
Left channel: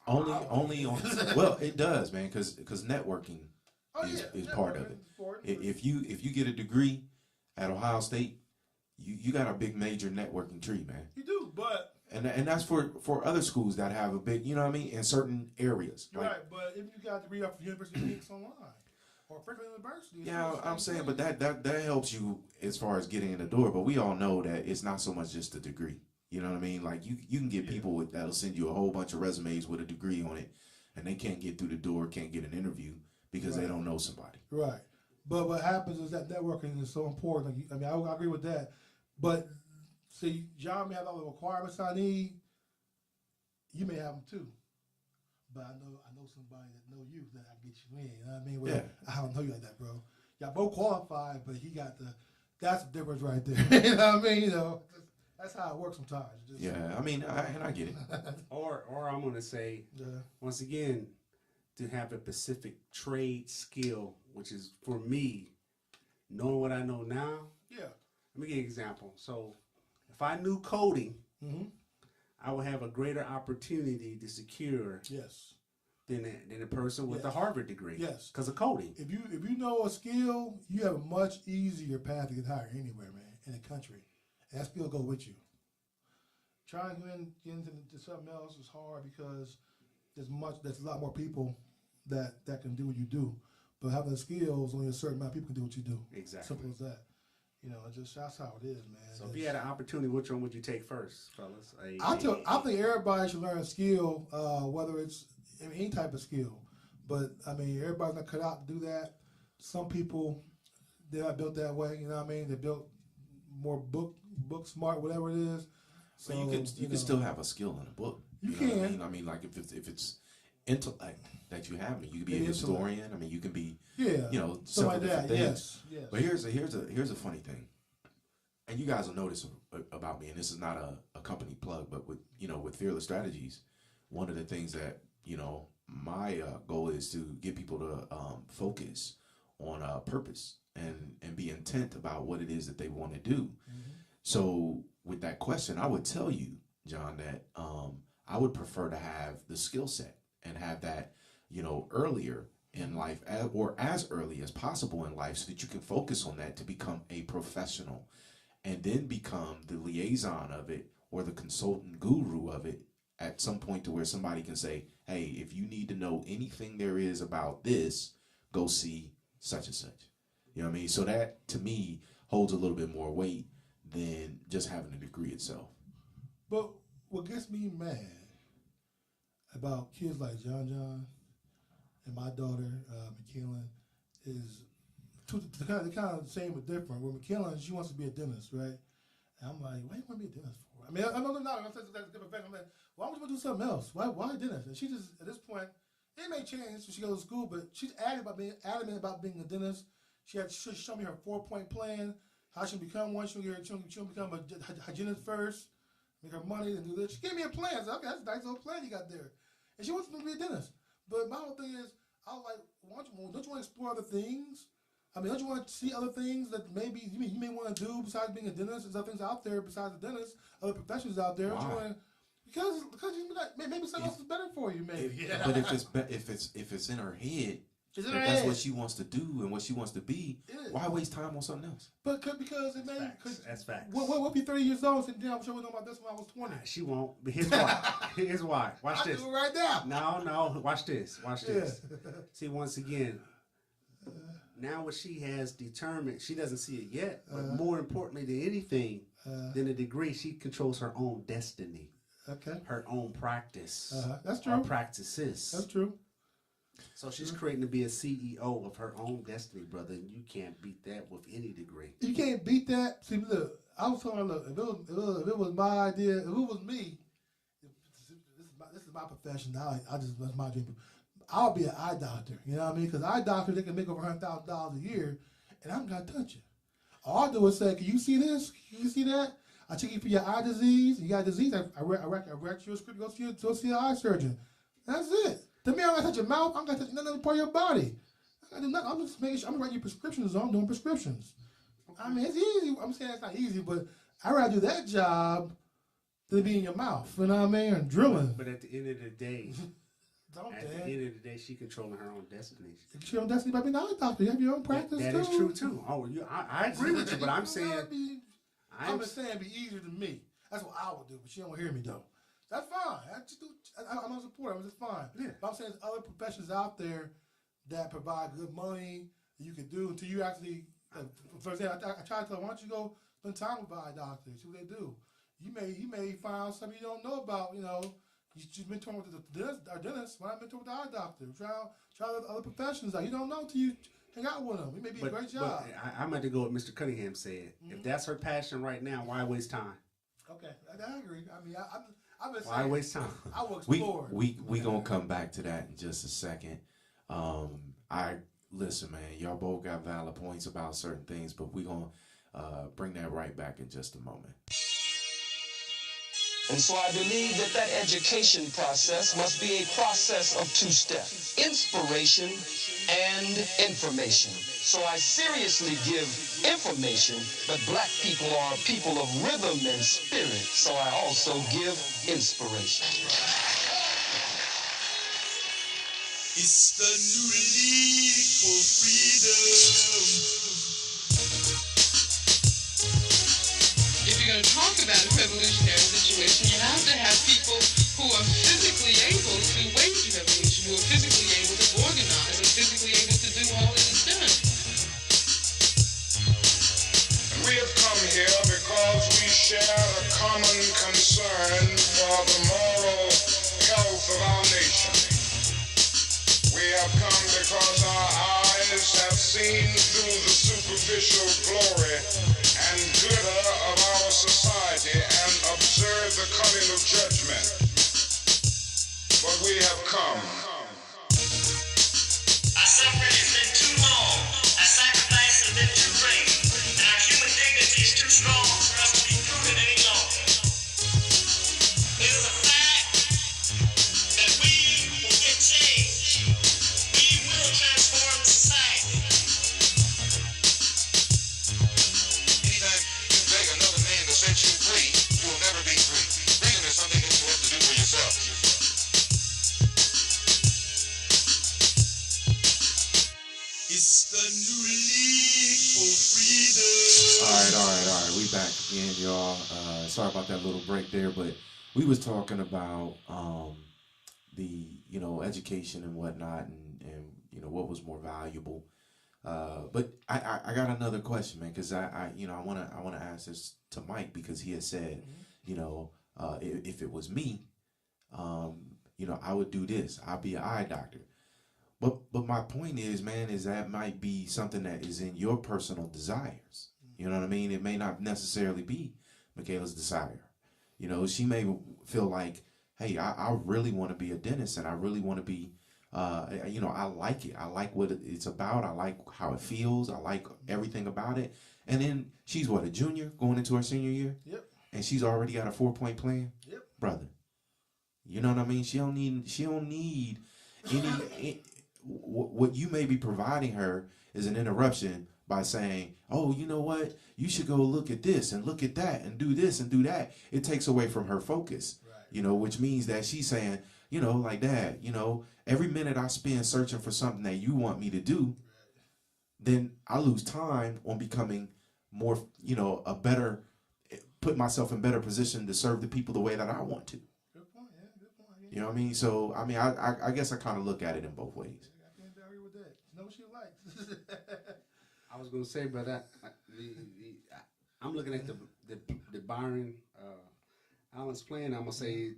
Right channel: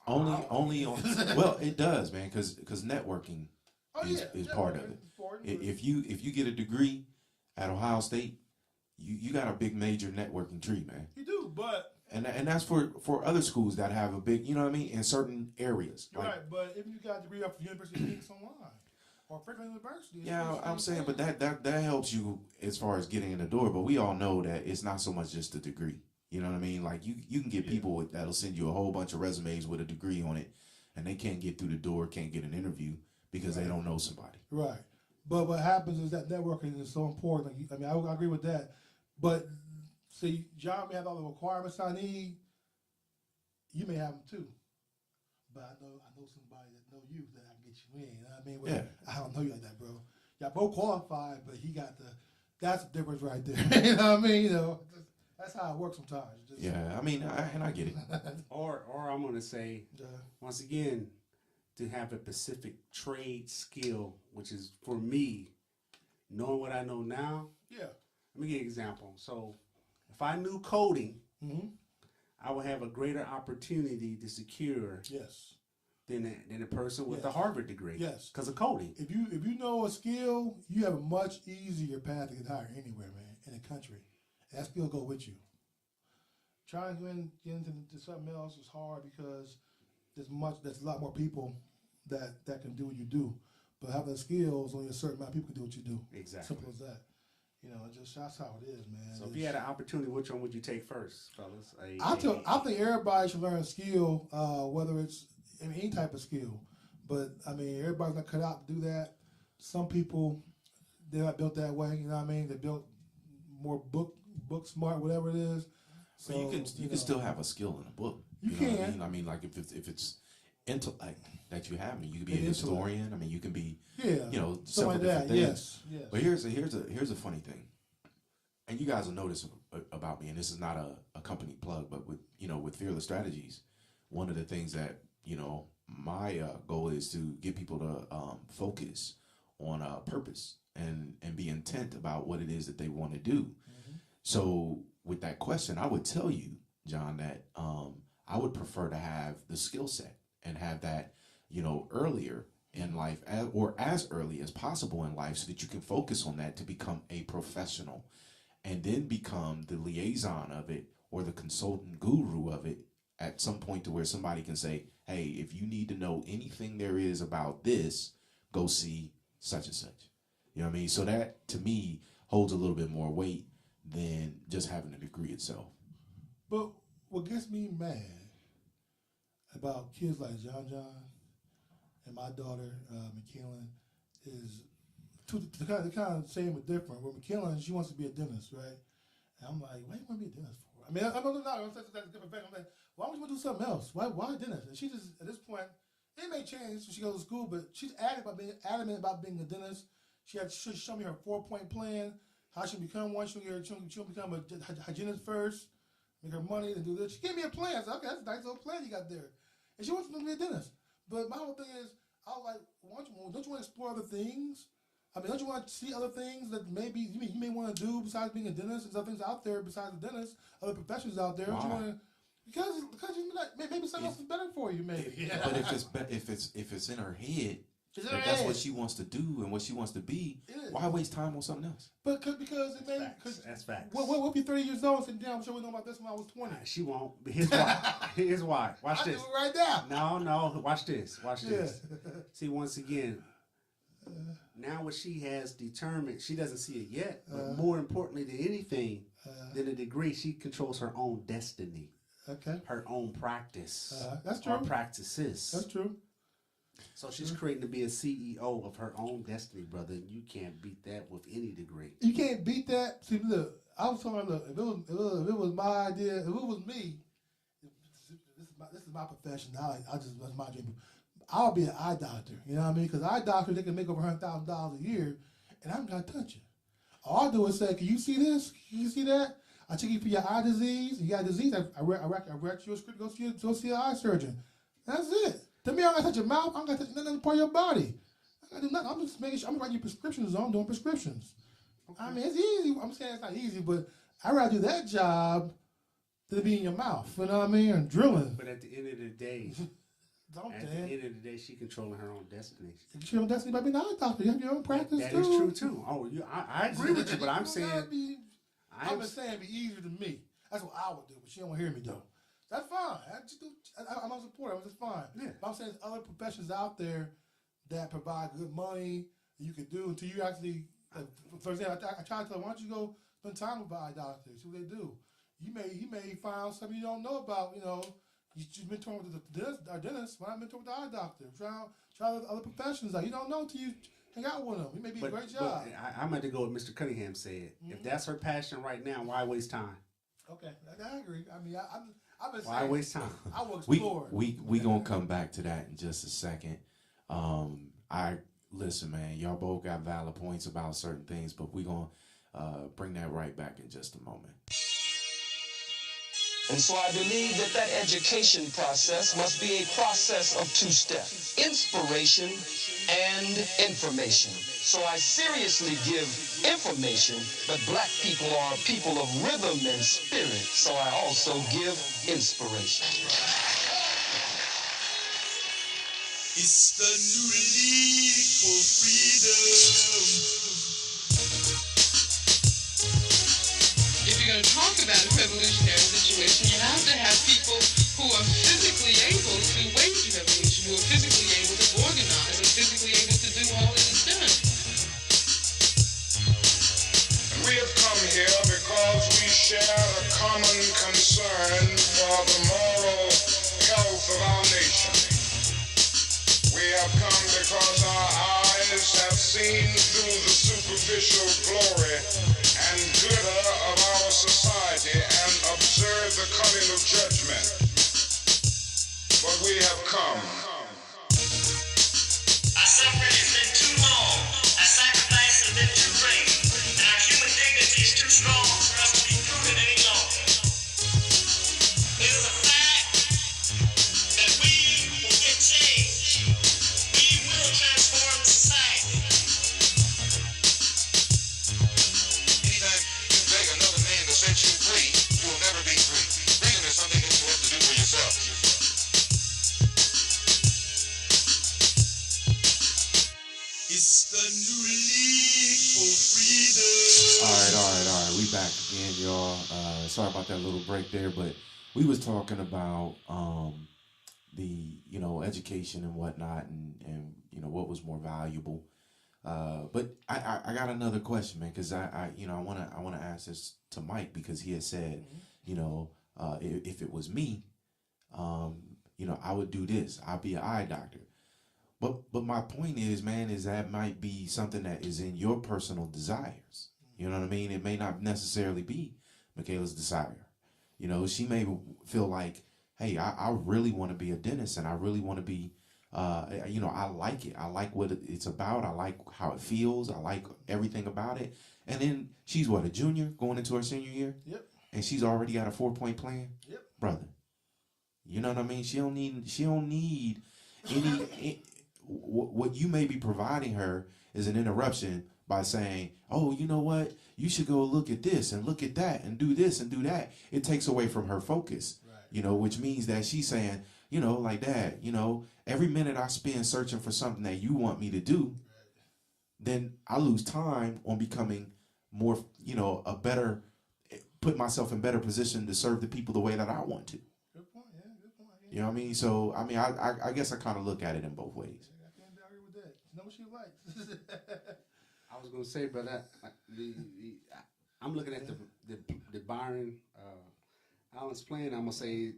Only on. Well, it does, man, because networking is part of it. If you get a degree at Ohio State, you got a big major networking tree, man. You do, but and that's for other schools that have a big, you know what I mean, in certain areas. You're right, but if you got a degree off the University of Phoenix Online or Franklin University, yeah, I'm saying, but that helps you as far as getting in the door. But we all know that it's not so much just a degree. You know what I mean? Like you can get people that'll send you a whole bunch of resumes with a degree on it, and they can't get through the door, can't get an interview because they don't know somebody. Right. But what happens is that networking is so important. Like, I mean, I agree with that. But see, John may have all the requirements I need. You may have them too. But I know somebody that know you that I can get you in. You know what I mean? Well, I don't know you like that, bro. Y'all both qualified, but he got that's the difference right there. You know what I mean? You know, that's how it works sometimes. I mean, I get it. or I'm gonna say once again, to have a specific trade skill, which is for me, knowing what I know now. Yeah. Let me give you an example. So, if I knew coding, I would have a greater opportunity to secure than a person with a Harvard degree. Yes. Because of coding. If you know a skill, you have a much easier path to get hired anywhere, man, in the country. And that skill go with you. Trying to get into something else is hard because there's a lot more people that can do what you do. But having the skills, only a certain amount of people can do what you do. Exactly. Simple as that. You know, that's how it is, man. So if you had an opportunity, which one would you take first, fellas? I think everybody should learn a skill, whether it's any type of skill. But I mean, everybody's not cut out to do that. Some people, they're not built that way. You know what I mean? They're built more book smart, whatever it is. So you can still have a skill in a book. You know can. What I mean? I mean, like if it's intellect that you have, I mean, you could be a historian. I mean, you can be several different things. Yes. But here's a funny thing, and you guys will notice about me, and this is not a company plug, but with Fearless Strategies, one of the things that my goal is to get people to focus on purpose and be intent about what it is that they want to do. So with that question, I would tell you, John, that I would prefer to have the skill set and have that, earlier in life or as early as possible in life so that you can focus on that to become a professional and then become the liaison of it or the consultant guru of it at some point to where somebody can say, hey, if you need to know anything there is about this, go see such and such. You know what I mean? So that, to me, holds a little bit more weight than just having a degree itself. But what gets me mad about kids like John and my daughter, McKillen, is they're kind of the same but different. With McKillen, she wants to be a dentist, right? And I'm like, why do you want to be a dentist for? I mean, I'm not that's a different profession. I'm like, why would you want to do something else? Why a dentist? And she just, at this point, it may change when she goes to school, but she's adamant about being a dentist. She show me her 4-point plan, how she can become one. She'll become a hygienist first, make her money, and do this. She gave me a plan. I said, okay, that's a nice little plan you got there. And she wants to be a dentist. But my whole thing is, I was like, don't you want to explore other things? I mean, don't you want to see other things that maybe you may want to do besides being a dentist? There's other things out there besides the dentist, other professions out there. Why? Because maybe something else is better for you, maybe. But if it's in her head, that's what she wants to do and what she wants to be, why waste time on something else? But because it may. That's facts. What if you're 30 years old and say, damn, I'm sure we know about this when I was 20? She won't. But here's why. Here's why. Watch this. Do it right now. No. Watch this. See, once again, now what she has determined, she doesn't see it yet, but more importantly than anything, than a degree, she controls her own destiny. Okay. Her own practice. That's true. Or practices. That's true. So she's creating to be a CEO of her own destiny, brother. And you can't beat that with any degree. You can't beat that. See, look, I was telling her, look, if it was my idea, if it was me, this is my profession. That's my dream. I'll be an eye doctor. You know what I mean? Because eye doctors, they can make over $100,000 a year, and I'm not touching. All I do is say, can you see this? Can you see that? I check you for your eye disease. You got a disease. I write you a script. Go see an eye surgeon. That's it. To me, I don't got to touch your mouth. I don't got to touch none other part of your body. I got to do nothing. I'm just making sure. I'm writing you prescriptions. I'm doing prescriptions. Okay. I mean, it's easy. I'm saying it's not easy, but I'd rather do that job than be in your mouth. You know what I mean? And drilling. But at the end of the day, the end of the day, she controlling her own destiny. You control your own destiny by being an eye doctor. You have your own practice that too. That is true too. Oh, I agree with you, but I'm saying I'm just saying it'd be easier than me. That's what I would do, but she don't want to hear me though. That's fine. I'm a supporter. I'm just fine. Yeah. But I'm saying there's other professions out there that provide good money that you could do until you actually, for example, I try to tell her, why don't you go spend time with eye doctors, see what they do. You may find out something you don't know about, you know. You've been touring with the dentist. Why not mentor with the eye doctor? Try other professions out. You don't know until you hang out with them. It may be a great job. I'm going to go with Mr. Cunningham said. Mm-hmm. If that's her passion right now, why waste time? Okay, I agree. I mean, I've been saying. Why waste time? I will explore. We going to come back to that in just a second. Listen, man, y'all both got valid points about certain things, but we're going to bring that right back in just a moment. And so I believe that education process must be a process of two steps, inspiration and information. So I seriously give information, but black people are people of rhythm and spirit, so I also give inspiration. It's the new league for freedom. If you're going to talk about a revolutionary situation, you have to have people who are physically able to wage revolution, who are physically able to organize, and physically able to do all that is done. We have come here because we share a common concern for the moral health of our nation. We have come because our eyes have seen through the superficial glory and glitter of our society and observed the coming of judgment. But we have come. Our suffering has been too long. Our sacrifice has been too great. And our human dignity is too strong for us to be proven any longer. It is a fact that we will get change. We will transform society. Anytime you beg another man to set you free, you will never be free. Freedom is something that you have to do for yourself. It's the new league for freedom. All right. We back again, y'all. Sorry about that little break there, but we was talking about the education and whatnot, and what was more valuable. But I got another question, man, because I wanna ask this to Mike, because he has said, if it was me, I would do this. I'd be an eye doctor. But my point is, man, is that might be something that is in your personal desires. You know what I mean? It may not necessarily be Michaela's desire. She may feel like, hey, I really want to be a dentist, and I really want to be, I like it. I like what it's about. I like how it feels. I like everything about it. And then she's a junior going into her senior year? Yep. And she's already got a 4-point plan? Yep. Brother. You know what I mean? She don't need any what you may be providing her is an interruption by saying, oh, you know what? You should go look at this and look at that and do this and do that. It takes away from her focus, right. Which means that she's saying, like, Dad, every minute I spend searching for something that you want me to do, right. Then I lose time on becoming more, put myself in better position to serve the people the way that I want to. Good point, yeah, good point. You know what I mean? So, I guess I kind of look at it in both ways. I can't argue with that. She knows what she likes. I was going to say, brother, I'm looking at the Byron Allen's plan. I'm going to say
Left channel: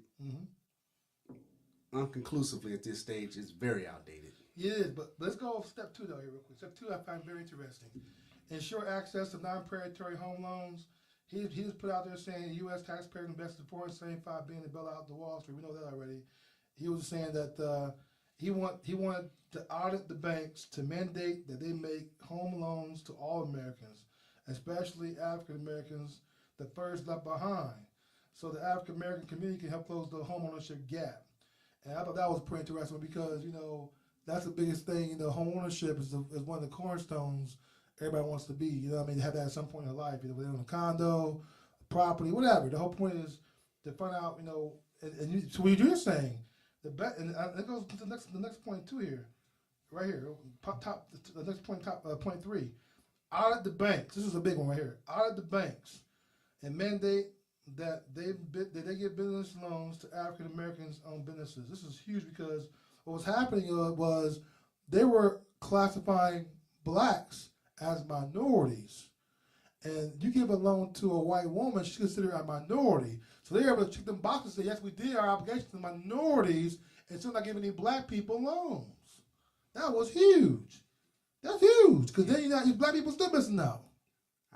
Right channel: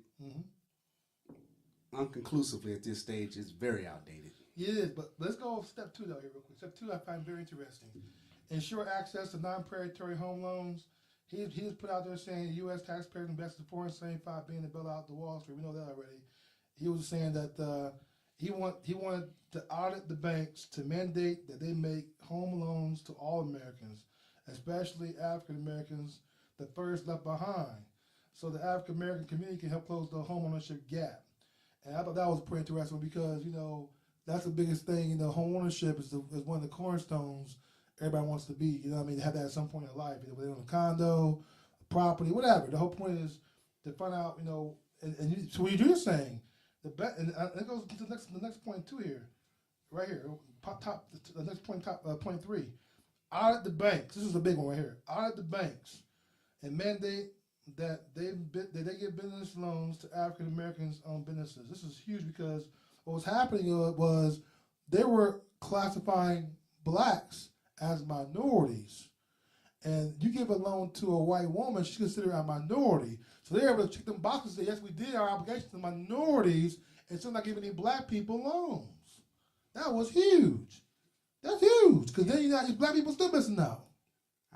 unconclusively at this stage, it's very outdated. It is, but let's go step 2 though here real quick. Step 2 I find very interesting. Ensure access to non-predatory home loans. He just put out there saying U.S. taxpayers invested $475 billion to bail out the Wall Street. We know that already. He was saying that He wanted to audit the banks to mandate that they make home loans to all Americans, especially African Americans, the first left behind, so the African American community can help close the homeownership gap. And I thought that was pretty interesting because that's the biggest thing. Home ownership is one of the cornerstones everybody wants to be. You know what I mean? They have that at some point in their life, whether they own a condo, property, whatever. The whole point is to find out, so what you're saying, and it goes to the next point too here, right here, the next point, point 3, audit the banks. This is a big one right here. Audit the banks and mandate that they give business loans to African Americans owned businesses. This is huge because what was happening was they were classifying blacks as minorities. And you give a loan to a white woman, she's considered a minority. So they're able to check them boxes and say, yes, we did our obligation to minorities and still not giving any black people loans. That was huge. That's huge because then black people still missing out.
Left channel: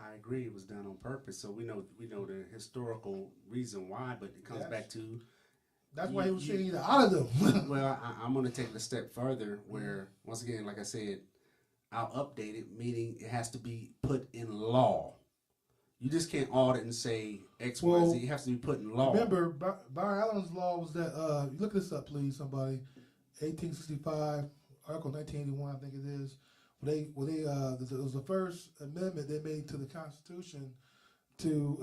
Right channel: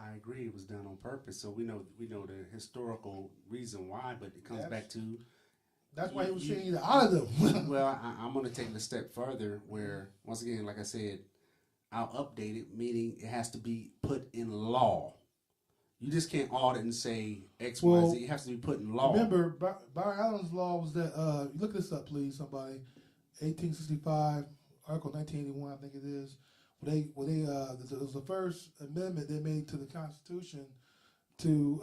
I agree. It was done on purpose. So we know the historical reason why, but it comes back to... That's why he was saying either out of them. Well, I'm going to take it a step further where, once again, like I said, I'll update it, meaning it has to be put in law. You just can't audit and say X, Y, Z. It has to be put in law. Remember, Byron Allen's law was that, look this up, please, somebody. 1865, Article 1981, I think it is. It was the first amendment they made to the Constitution to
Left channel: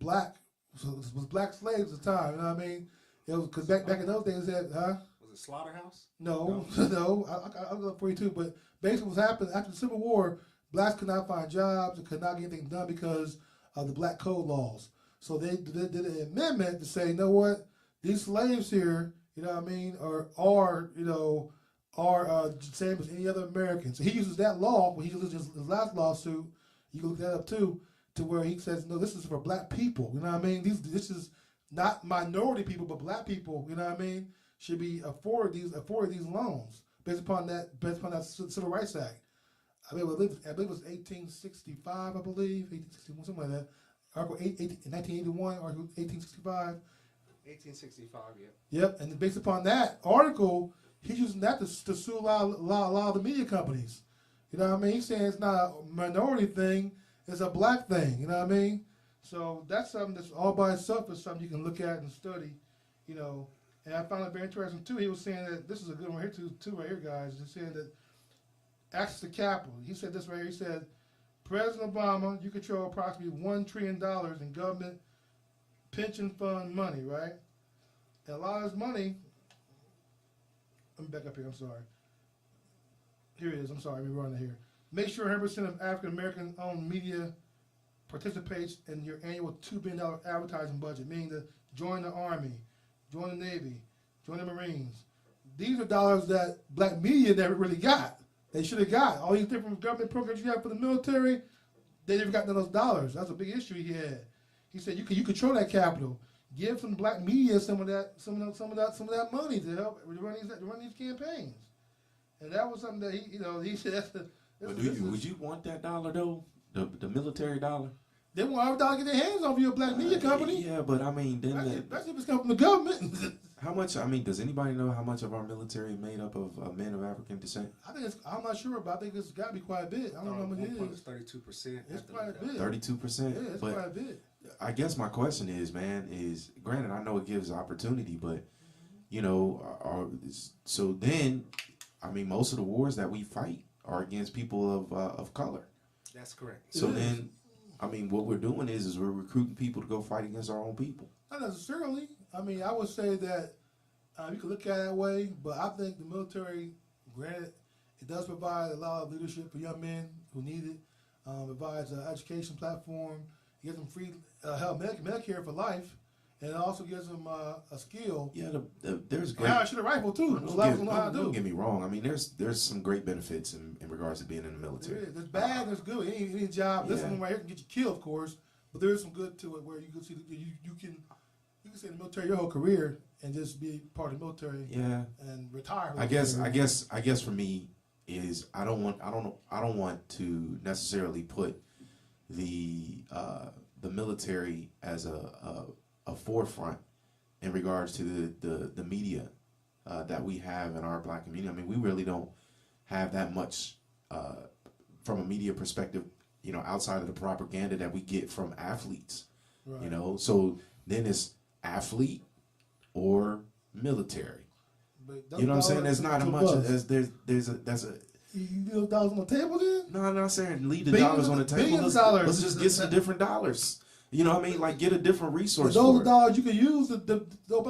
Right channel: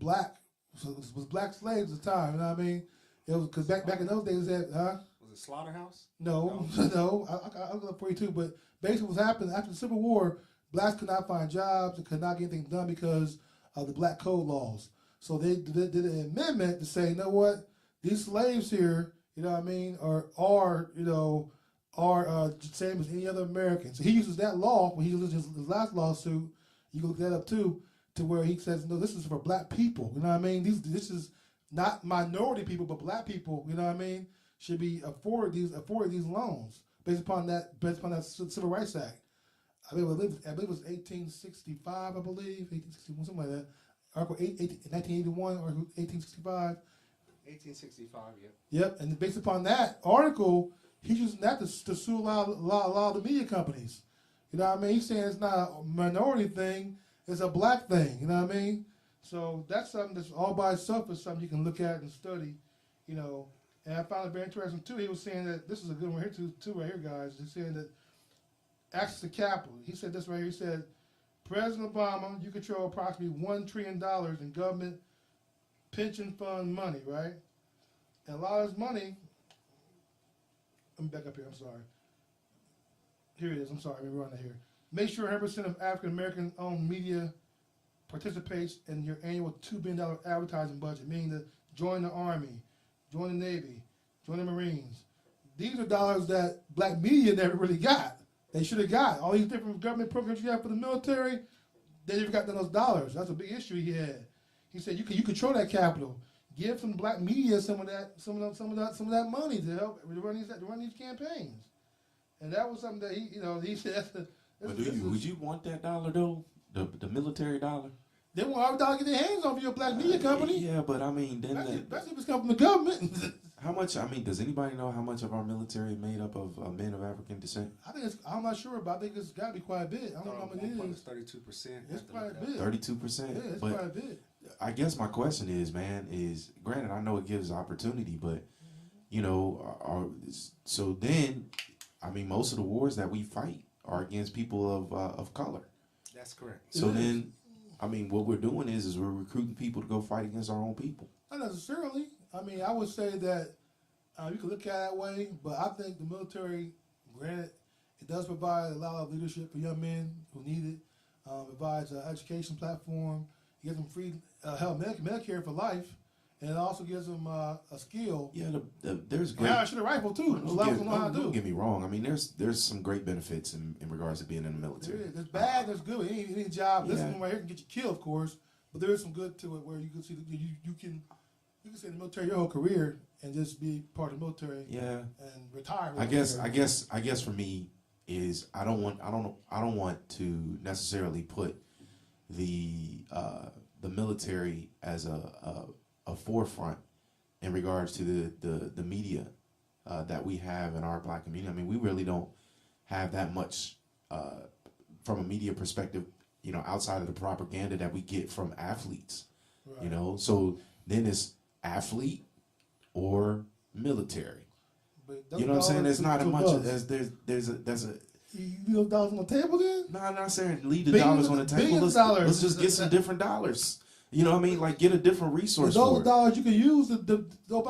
black, so it was black slaves at the time, you know what I mean? It was because back in those days, was it slaughterhouse? No. I'll look up for you too. But basically, what's happened after the Civil War, blacks could not find jobs, they could not get anything done because of the black code laws. So they did an amendment to say, you know what, these slaves here, you know what I mean, are same as any other American. So he uses that law when he uses his last lawsuit. You can look that up too, to where he says, no, this is for black people. You know what I mean? This is not minority people, but black people. You know what I mean? Should be afforded these loans based upon that Civil Rights Act. I believe it was 1865. I believe 1861, something like that. Article 1981 or 1865. 1865. Yep. Yep. And based upon that article, he's using that to sue a lot of the media companies. You know what I mean? He's saying it's not a minority thing; it's a black thing. You know what I mean? So that's something that's all by itself is something you can look at and study. And I found it very interesting too. He was saying that this is a good one here too right here, guys. He's saying that access to capital. He said this right here. He said, President Obama, you control approximately $1 trillion in government pension fund money, right? And a lot of this money. Let me back up here. I'm sorry. Here it is. I'm sorry. Let me run it here. Make sure 100% of African American owned media participates in your annual $2 billion advertising budget, meaning to join the Army, join the Navy, join the Marines. These are dollars that black media never really got. They should have got. All these different government programs you have for the military, they never got none of those dollars. That's a big issue he had. He said you control that capital. Give some black media some of that money to help run these campaigns. And that was something that he said. Would you want that dollar though? The military dollar? They want every dollar to get their hands on for your black media company. Yeah, but I mean, then especially if it's coming from the government. How much? I mean, does anybody know how much of our military is made up of men of African descent? I'm not sure, but I think it's got to be quite a bit. I don't know how much it is. 32%. It's quite a bit. 32%. Yeah, it's quite a bit. I guess my question is granted, I know it gives opportunity, but so then, I mean, most of the wars that we fight are against people of color. That's correct. So then, I mean, what we're doing is we're recruiting people to go fight against our own people. Not necessarily. I mean, I would say that you can look at it that way, but I think the military, granted, it does provide a lot of leadership for young men who need it. It provides an education platform. It gives them free health, Medicare for life, and it also gives them a skill. Yeah, there's great. And I shoot a rifle too. Don't get me wrong. I mean, there's some great benefits in regards to being in the military. There is. There's bad. There's good. Any job. This one right here can get you killed, of course, but there is some good to it where you can see that you can stay in the military your whole career and just be part of the military. Yeah. And retire. I guess for me is I don't want to necessarily put the military as a forefront in regards to the media that we have in our black community. I mean, we really don't have that much from a media perspective, outside of the propaganda that we get from athletes, Right. So then it's athlete or military. But You know what I'm saying? There's not a much buzz. that's a You leave those dollars on the table then? no, I'm not saying leave the Billions dollars on the of- table. billions of dollars. Let's just get some different dollars. You know what I mean? Like get a different resource Those for are it. dollars you can use the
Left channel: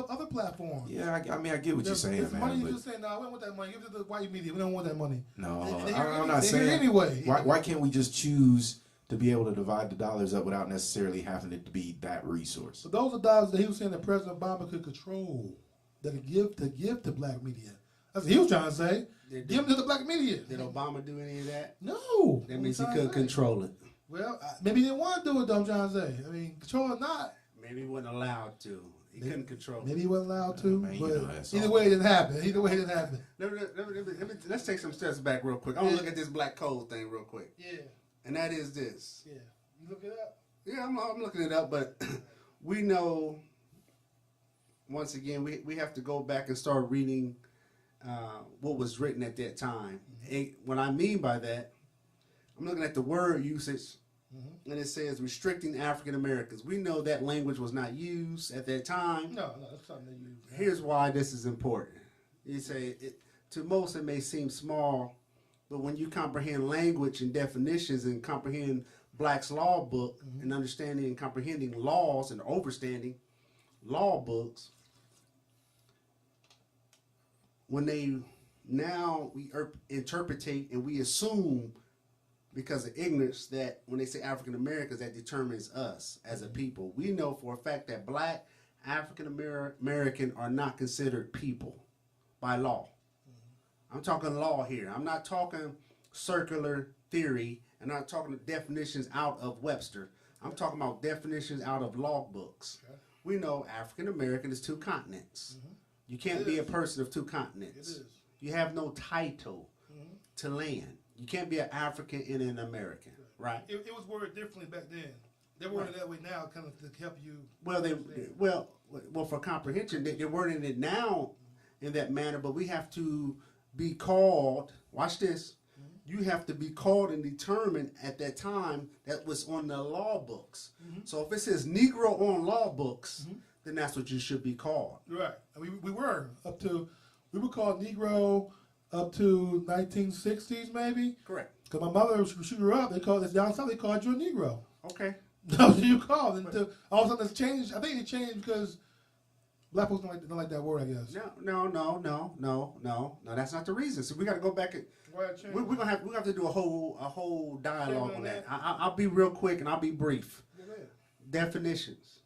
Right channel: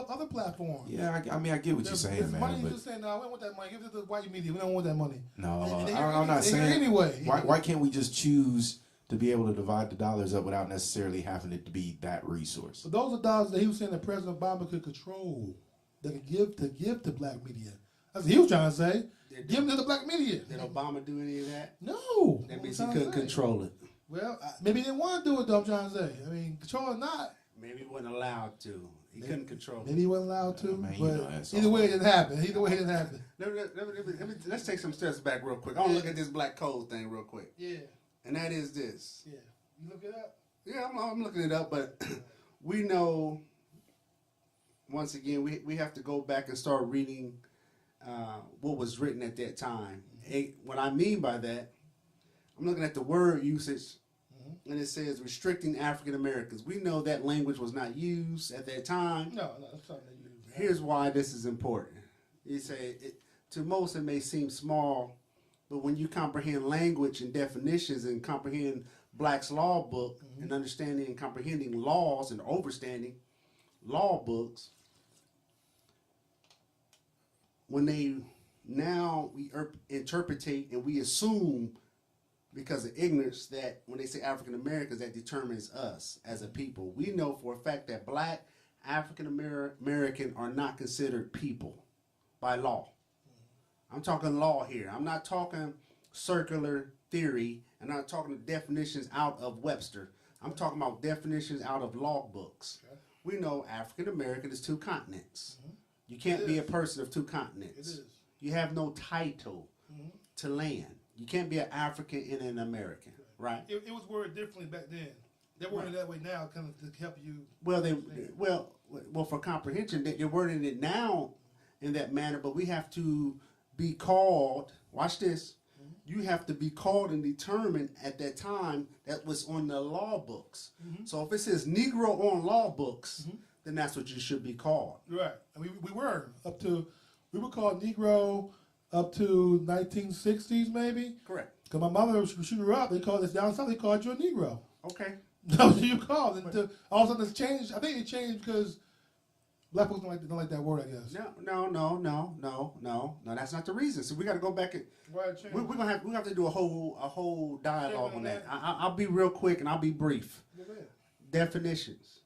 other platforms. Yeah, I mean, I get what you're saying, There's man. money you But just saying, no, we don't want that money. Give it to the white media. We don't want that money. no, And they hear I'm not they hear saying. anyway. Why can't we just choose to be able to divide the dollars up without necessarily having it to be that resource? But those are dollars that he was saying that President Obama could control, that could give to black media. That's what he was trying to say. Give them to the black media. Did Obama do any of that? No. That What means I'm he trying couldn't to say. control it. Well, maybe he didn't want to do it, though, I'm trying to say. I mean, control or not, Maybe he wasn't allowed to. He couldn't control it. maybe he wasn't allowed to. Man, you but know that's either all. way, it didn't happen. Either way, it didn't happen. Let's take some steps back real quick. I want to look at this black code thing real quick. Yeah, And that is this. yeah. You look it up. Yeah, I'm looking it up, but we know, once again, we have to go back and start reading what was written at that time. What I mean by that, I'm looking at the word usage, and it says restricting African Americans. We know that language was not used at that time. No, that's something they use. Here's why this is important. You say, to most it may seem small, but when you comprehend language and definitions and comprehend Black's law book and understanding and comprehending laws and overstanding law books, when we interpretate and we assume because of ignorance that when they say African Americans, that determines us as a people. We know for a fact that Black African American are not considered people by law. I'm talking law here. I'm not talking circular theory. I'm not talking definitions out of Webster. I'm talking about definitions out of law books. Okay. We know African American is 2 continents. You can't be a person of 2 continents. It is. You have no title to land. You can't be an African and an American, right? It was worded differently back then. They're wording that way now, kind of to help you. Well, for comprehension, they're wording it now in that manner, but we have to be called. Watch this. You have to be called and determined at that time that was on the law books. So if it says Negro on law books, then that's what you should be called. Right. And we were called Negro up to 1960s maybe. Correct. Because my mother, she grew up, it's down south, they called you a Negro. Okay. That's what you called. And all of a sudden it's changed. I think it changed because black folks don't like that word, I guess. No. That's not the reason. So we got to go back and we're gonna have to do a whole dialogue on that. I'll be real quick and I'll be brief. Definitions,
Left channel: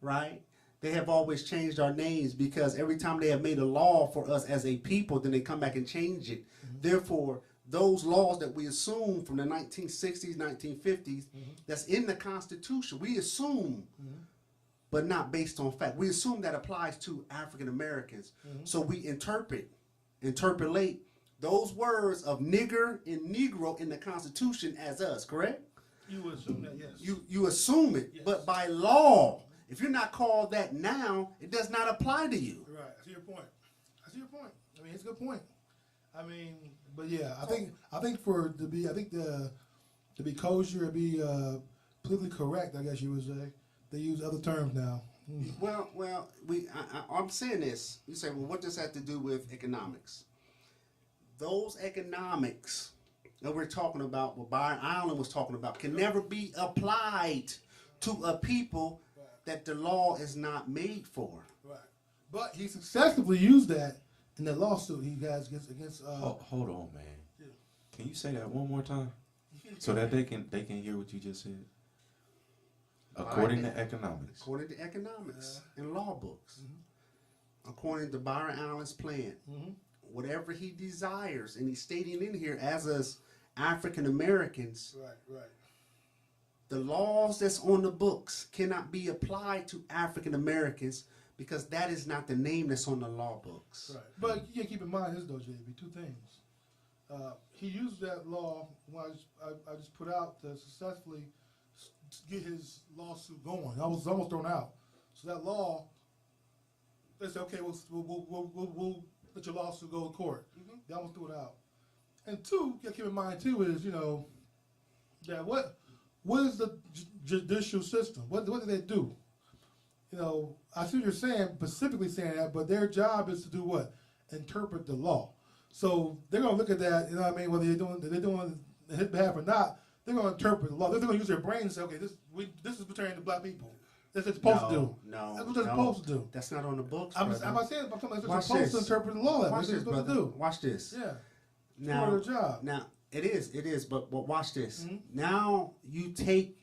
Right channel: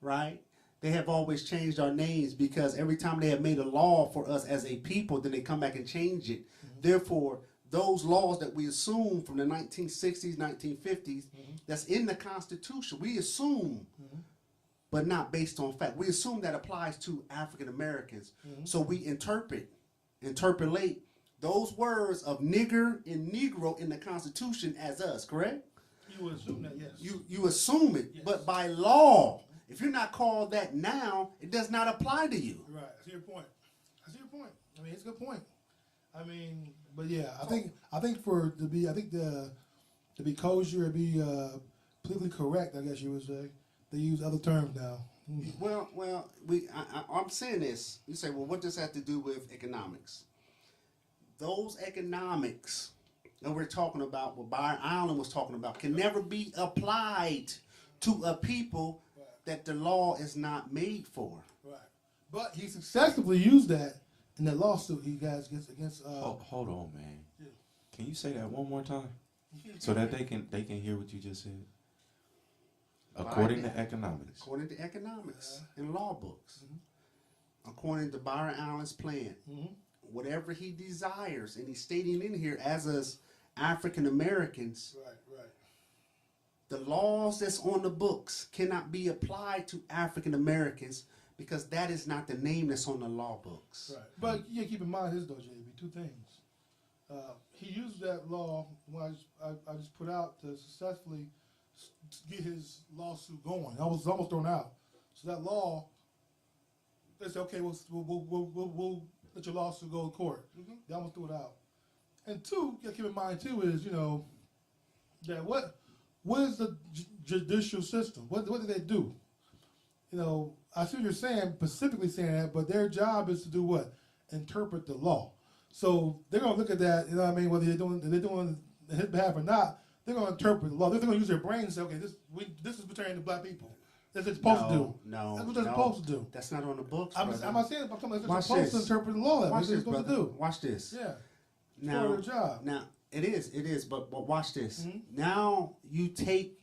right? They have always changed our names because every time they have made a law for us as a people, then they come back and change it. Therefore, those laws that we assume from the 1960s, 1950s, that's in the Constitution, we assume, but not based on fact. We assume that applies to African Americans. So we interpolate those words of nigger and Negro in the Constitution as us, correct? You would assume that, yes. You assume it, Yes. but by law, if you're not called that now, it does not apply to you. Right. I see your point. I mean, it's a good point. I mean, but yeah, I think to be kosher, to be politically correct, I guess you would say, they use other terms now. Well, I'm saying this. You say, well, what does that have to do with economics? Those economics that we're talking about, what Byron Allen was talking about, can never be applied to a people that the law is not made for. Right. But he successfully used that in the lawsuit he guys against. Hold on, man. Yeah. Can you say that one more time so that they can hear what you just said? According to economics. According to economics and law books. According to Byron Allen's plan. Whatever he desires, and he's stating in here as us African Americans, Right. the laws that's on the books cannot be applied to African Americans because that is not the name that's on the law books. Right. But yeah, keep in mind this though, JB. 2 things. He used that law when I just put out to successfully get his lawsuit going. I was almost thrown out. So that law, they said, okay, we'll let your lawsuit go to court. They almost threw it out. And two, you gotta keep in mind too is, that what is the judicial system? What do they do? I see what you're saying, specifically saying that, but their job is to do what? Interpret the law. So they're gonna look at that, whether they're doing in his behalf or not, they're gonna interpret the law. They're gonna use their brain and say, okay, this is pertaining to black people. That's what it's supposed to do. No, that's what they're supposed to do. That's not on the books. I'm not saying. I'm talking about they're supposed to interpret the law. That's what they're supposed to do. Watch this. Yeah. Now, part of their job. Now it is. But watch this. Now you take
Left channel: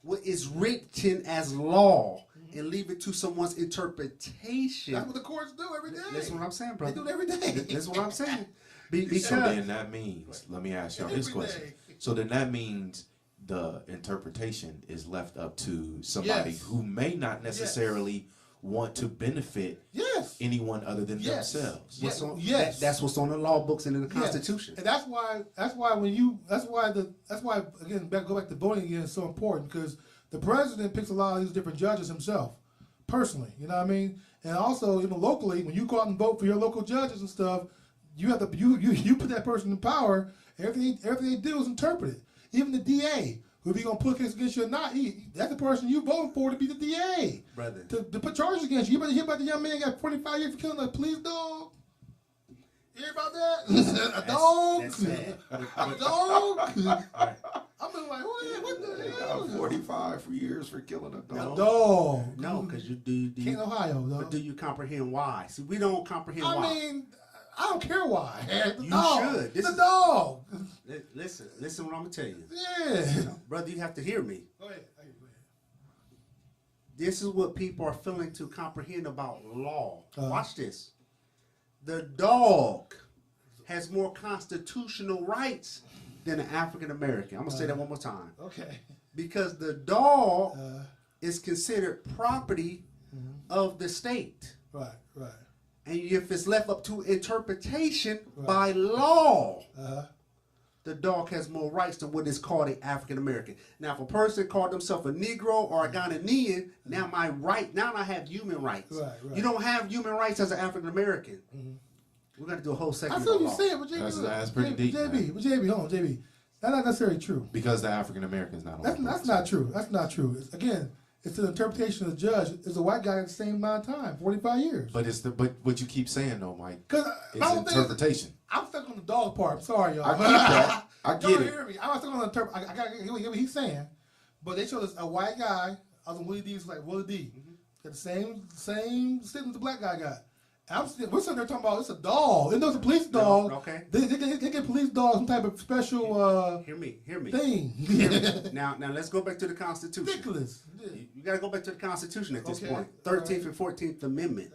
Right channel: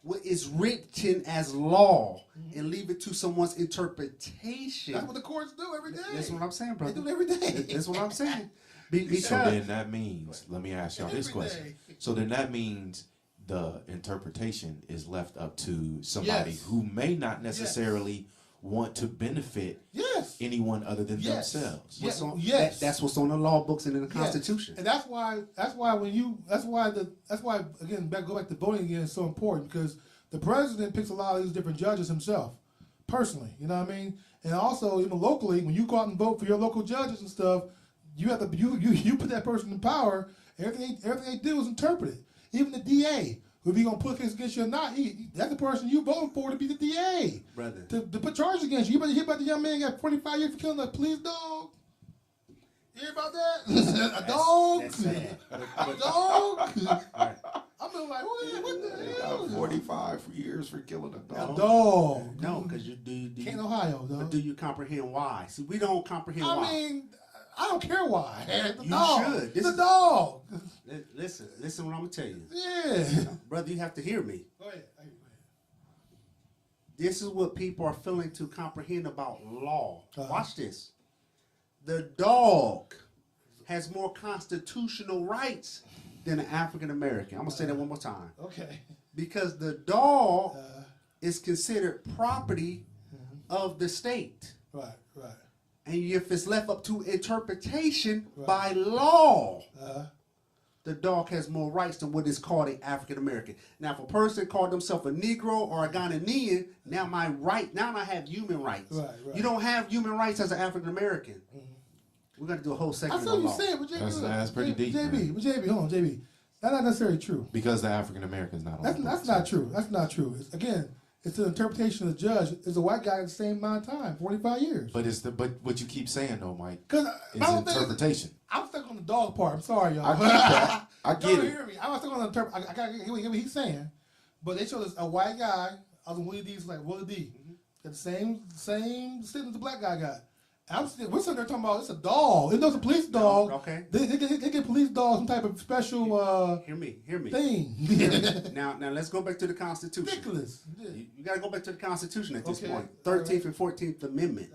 what is written as law and leave it to someone's interpretation. That's what the courts do every day. That's what I'm saying, brother. They do it every day. That's what I'm saying. Because so then that means, let me ask y'all this question. So then that means the interpretation is left up to somebody who may not necessarily want to benefit anyone other than themselves. That's what's on the law books and in the Constitution. And that's why again, go back to voting again is so important, because the president picks a lot of these different judges himself, personally. You know what I mean? And also, even locally, when you go out and vote for your local judges and stuff, you have to you put that person in power. Everything they do is interpreted. Even the DA, who be gonna put case against you or not, that's the person you voting for to be the DA, brother. To put charges against you. You better hear about the young man got 45 years for killing a police dog. You hear about that? A dog. That's sad. A dog. Right. I'm been like, what the hell? Got 45 years for killing a dog. A dog. No, because you do. Can't Ohio, though. But do you comprehend why? See, we don't comprehend why. I mean, I don't care why. The you dog. should. The dog. Listen what I'm going to tell you. Yeah. Brother, you have to hear me. Go ahead. This is what people are failing to comprehend about law. Watch this. The dog has more constitutional rights than an African American. I'm going to say that one more time. Okay. Because the dog is considered property of the state. Right. And if it's left up to interpretation by law, the dog has more rights than what is called an African American. Now, if a person called themselves a Negro or a Ghanaian, now I have human rights. Right. You don't have human rights as an African American. We're going to do a whole segment on law. I feel what you're saying, but that's pretty deep. JB, hold on, JB. That's not necessarily true. Because the African American's not on. That's not true. That's not true. It's an interpretation of the judge. It's a white guy at the same amount of time, 45 years. But what you keep saying though, Mike, is interpretation. I'm stuck on the dog part. I'm sorry, y'all. I get that. I get Don't it. hear me. I'm stuck on the interpretation. I got to hear what he's saying. But they showed us a white guy. I was in Willie D's like Willie D. Got the same sentence the black guy got. We're sitting there talking about it's a dog. It's a police dog. No, okay. They get police dogs some type of special hear me. thing. Now let's go back to the Constitution. Ridiculous. Yeah. You got to go back to the Constitution at this point. 13th and 14th Amendment.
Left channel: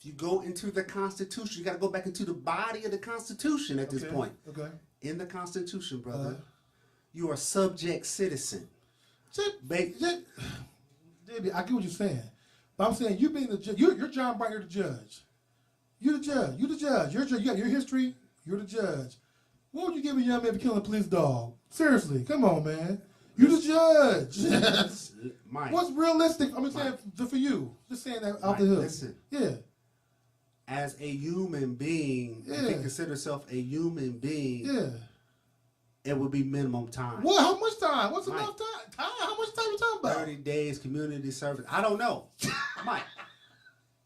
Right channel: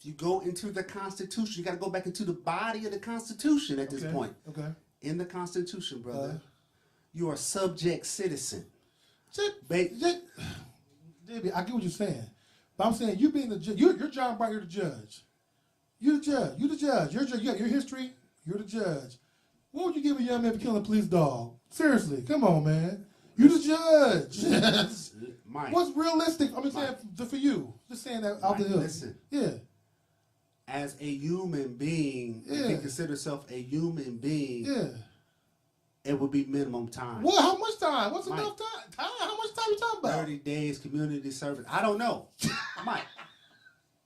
If you go into the Constitution, you got to go back into the body of the Constitution at this point. Okay. In the Constitution, brother, you are a subject citizen. JB, I get what you're saying. But I'm saying you being the judge, you're John Bright, you're the judge. You're the judge. You got your history, you're the judge. What would you give a young man for killing a police dog? Seriously, come on, man. You the judge. Mike, what's realistic? I'm saying for you. Just saying that out the hill. Listen. Yeah. As a human being, if you consider yourself a human being, it would be minimum time. What? How much time? What's enough time? How much time you talking about? 30 days community service. I don't know. Mike,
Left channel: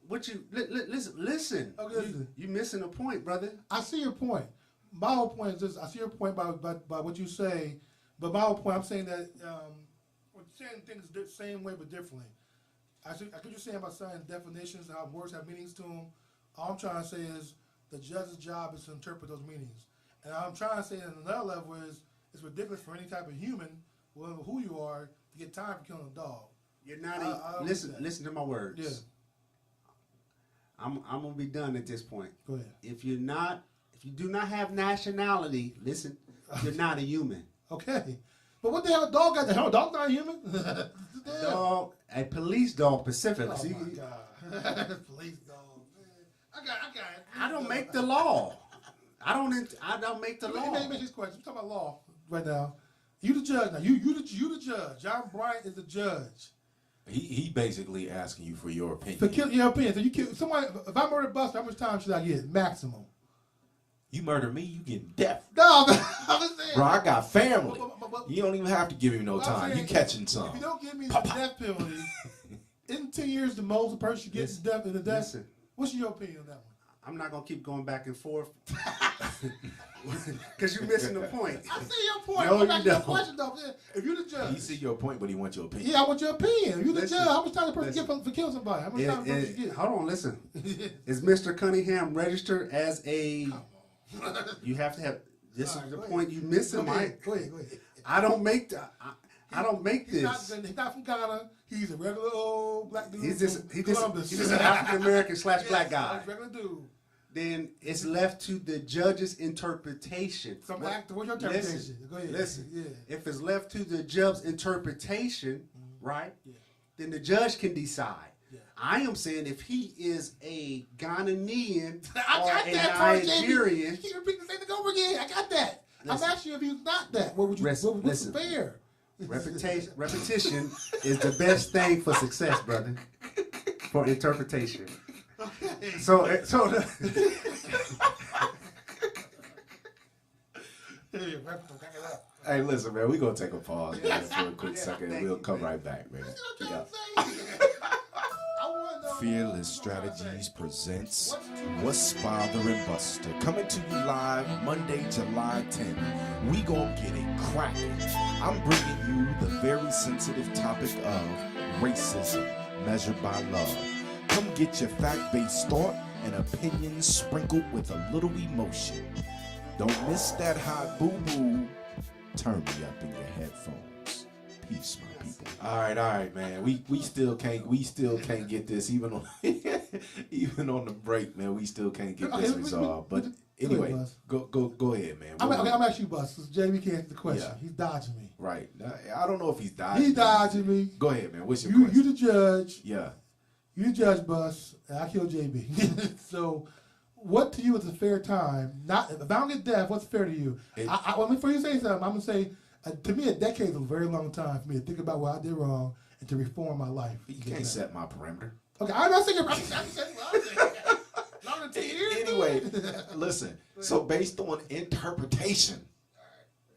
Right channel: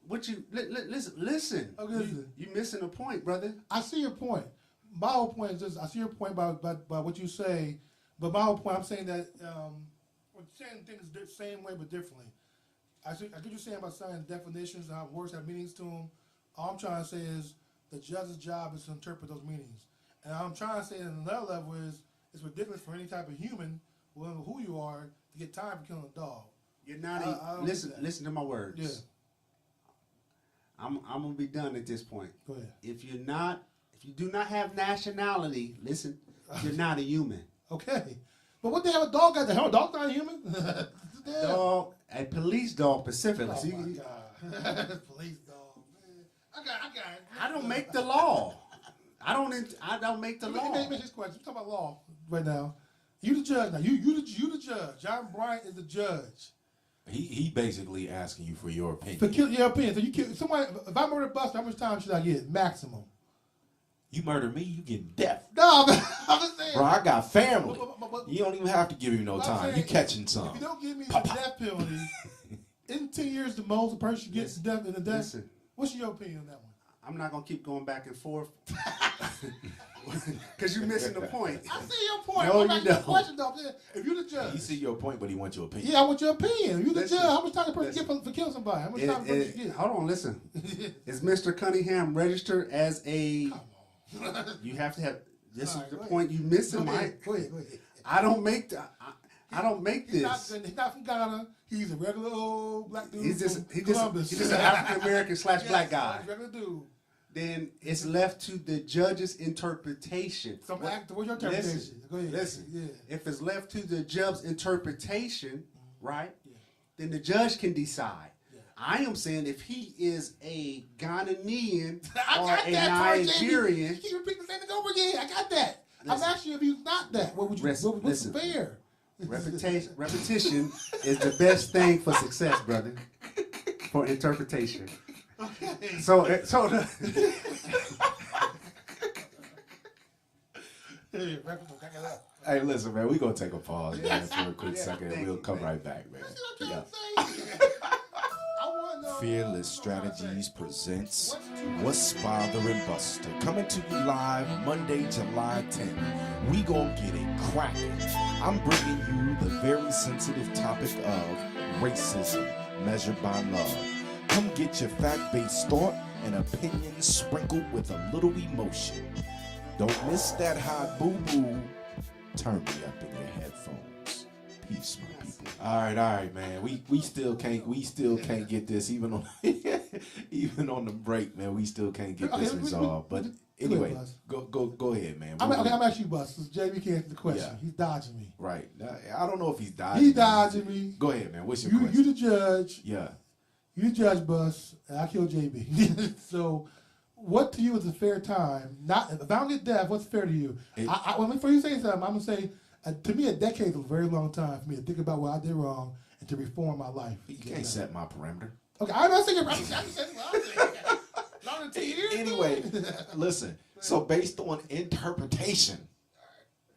what you listen. Okay, you missing a point, brother. I see your point. My whole point is this. I see your point by what you say, but my whole point, I'm saying that we're saying things the same way but differently. I get you saying about saying definitions and how words have meanings to them. All I'm trying to say is the judge's job is to interpret those meanings. And I'm trying to say at another level is it's ridiculous for any type of human, whatever who you are, to get time for killing a dog. You're not listen to my words. Yeah. I'm gonna be done at this point. Go ahead. If you do not have nationality, listen, you're not a human. Okay. But what the hell a dog got? The hell a dog not a human? Dog, a police dog specifically. Oh See, my God. Police dog, man. I got it. I don't make the law. I don't make the law. Let me this question. We're talking about law right now. You the judge now. You the judge. John Bryant is the judge. He basically asking you for your opinion. For kill your opinion. So you kill somebody. If I murder Buster, how much time should I get? Maximum. You murder me, you getting death. No, I'm just saying. Bro, I got family. But- You don't even have to give me no I'm time. saying, You catching some. If you don't give me the Pop, pop. death penalty, in 10 years the most a person gets death in the death. Listen. What's your opinion on that one? I'm not gonna keep going back and forth because you're missing the point. I see your point. No, I'm back you to your don't. question though. If you're the judge, He see your point, but he wants your opinion. yeah, I want your opinion. If you're the Listen, judge, how much time the person listen. get for killing somebody? How much time the person get? Hold on, listen. Is Mr. Cunningham registered as a? You have to have. This All is right, the go point you missing, Go ahead, Mike. go ahead. I don't make the. I don't make He's this. not from Ghana. He's a regular old black dude. He's just from Columbus. he's just an African American / Yes, black guy. he's a regular dude. Then it's left to the judge's interpretation. What's your interpretation? Listen, Go ahead. listen. Yeah. If it's left to the judge's interpretation, right? Then the judge can decide. Yeah. I am saying if he is a Ghanaian or a Nigerian, You keep repeating the same thing over again. I got that. Listen. I'm asking you if he's not that. What would you? What's listen. fair? repetition is the best thing for success, brother. For interpretation. So Hey, listen, man, we gonna take a pause, man, for a quick second, and we'll come right back, man. Yeah. Fearless Strategies presents What's Bothering Buster. Coming to you live Monday, July 10th. We gonna get it cracking. I'm bringing you the very sensitive topic of racism measured by love. Come get your fact-based thought and opinions sprinkled with a little emotion. Don't miss that hot boo-boo. Turn me up in your headphones. Peace, my people. All right, man. We still can't get this even on even on the break, man. We still can't get this resolved. But anyway, go ahead, man. I'm asking you, Bus. JB can't answer the question. Yeah. He's dodging me. Right. I don't know if he's dodging. He's dodging me. Go ahead, man. What's your You question? the judge. Yeah. You the judge, Bus, and I kill JB. So, what to you is a fair time? Not if I don't get death, what's fair to you? Before you say something, I'm gonna say to me a decade is a very long time for me to think about what I did wrong and to reform my life. You can't set my parameter. Okay, I'm not saying. I'm saying. Longer than 10 years. Anyway, listen. So based on interpretation,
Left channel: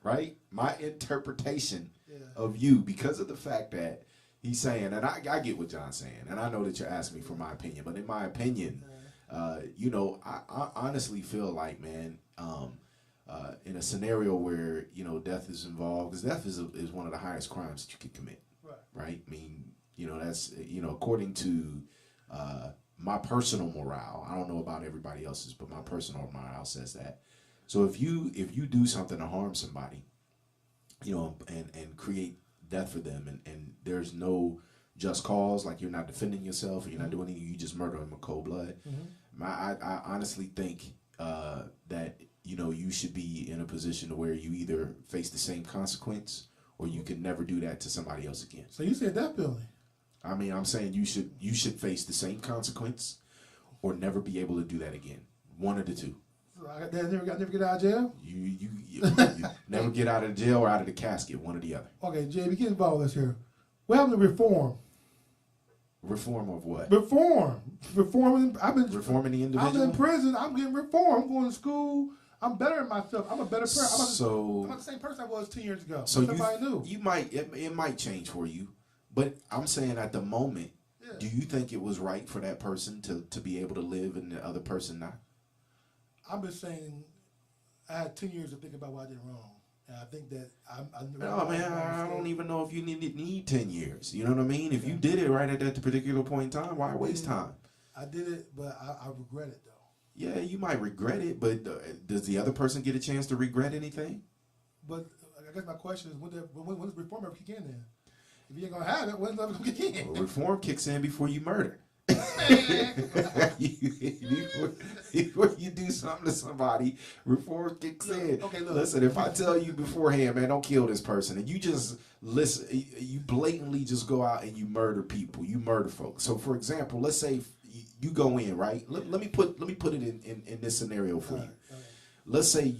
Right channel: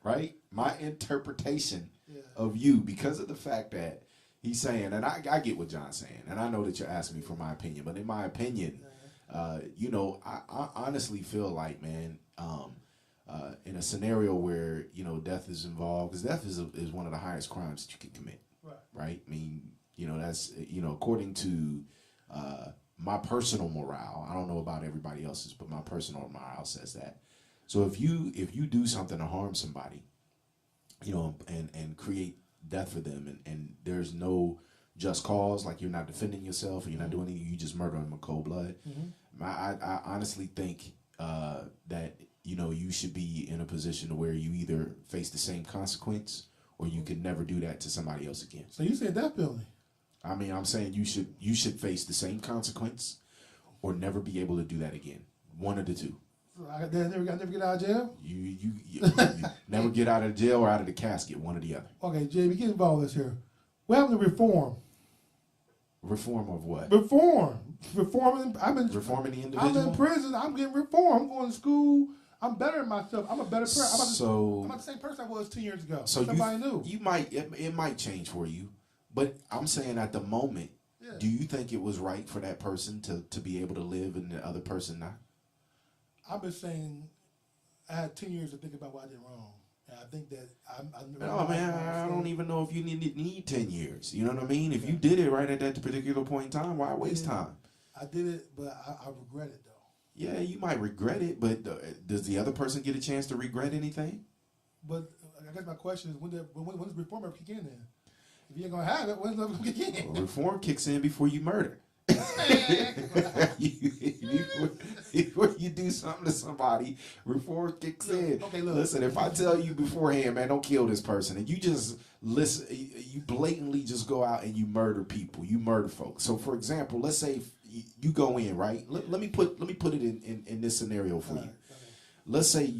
right? My interpretation of you, because of the fact that he's saying, and I get what John's saying, and I know that you're asking me for my opinion, but in my opinion, I honestly feel like, man, in a scenario where death is involved, because death is one of the highest crimes that you can commit, right? I mean, that's according to my personal morale. I don't know about everybody else's, but my personal morale says that. So if you do something to harm somebody, and create death for them, and there's no just cause, like you're not defending yourself, or you're not doing anything, you just murder them in cold blood. I honestly think that you should be in a position to where you either face the same consequence, or you can never do that to somebody else again. So you said death penalty. I mean, I'm saying you should face the same consequence, or never be able to do that again. One of the two. So I never get out of jail. You never get out of the jail or out of the casket. One or the other. Okay, JB, get involved with this here. What happened to reform? Reform of what? Reforming. Reforming the individual. I'm in prison. I'm getting reformed. I'm going to school. I'm bettering myself. I'm a better person. I'm not the same person I was 10 years ago. So somebody new. It might change for you, but I'm saying at the moment, do you think it was right for that person to be able to live and the other person not? I've been saying I had 10 years to think about what I did wrong. And I think that I don't even know if you need 10 years. You know what I mean? If you did it right at that particular point in time, why waste time? I did it, but I regret it, though. Yeah, you might regret it, but does the other person get a chance to regret anything? But I guess my question is, when does reform ever kick in then? If you ain't going to have it, when's it ever going to kick in? Well, reform kicks in before you murder. Before you do something to somebody, reform kicks in. Okay, look. Listen, if I tell you beforehand, man, don't kill this person, and you just listen, you blatantly just go out and you murder people, you murder folks. So, for example, let's say you go in, right? Let me put it in this scenario for you. Let's say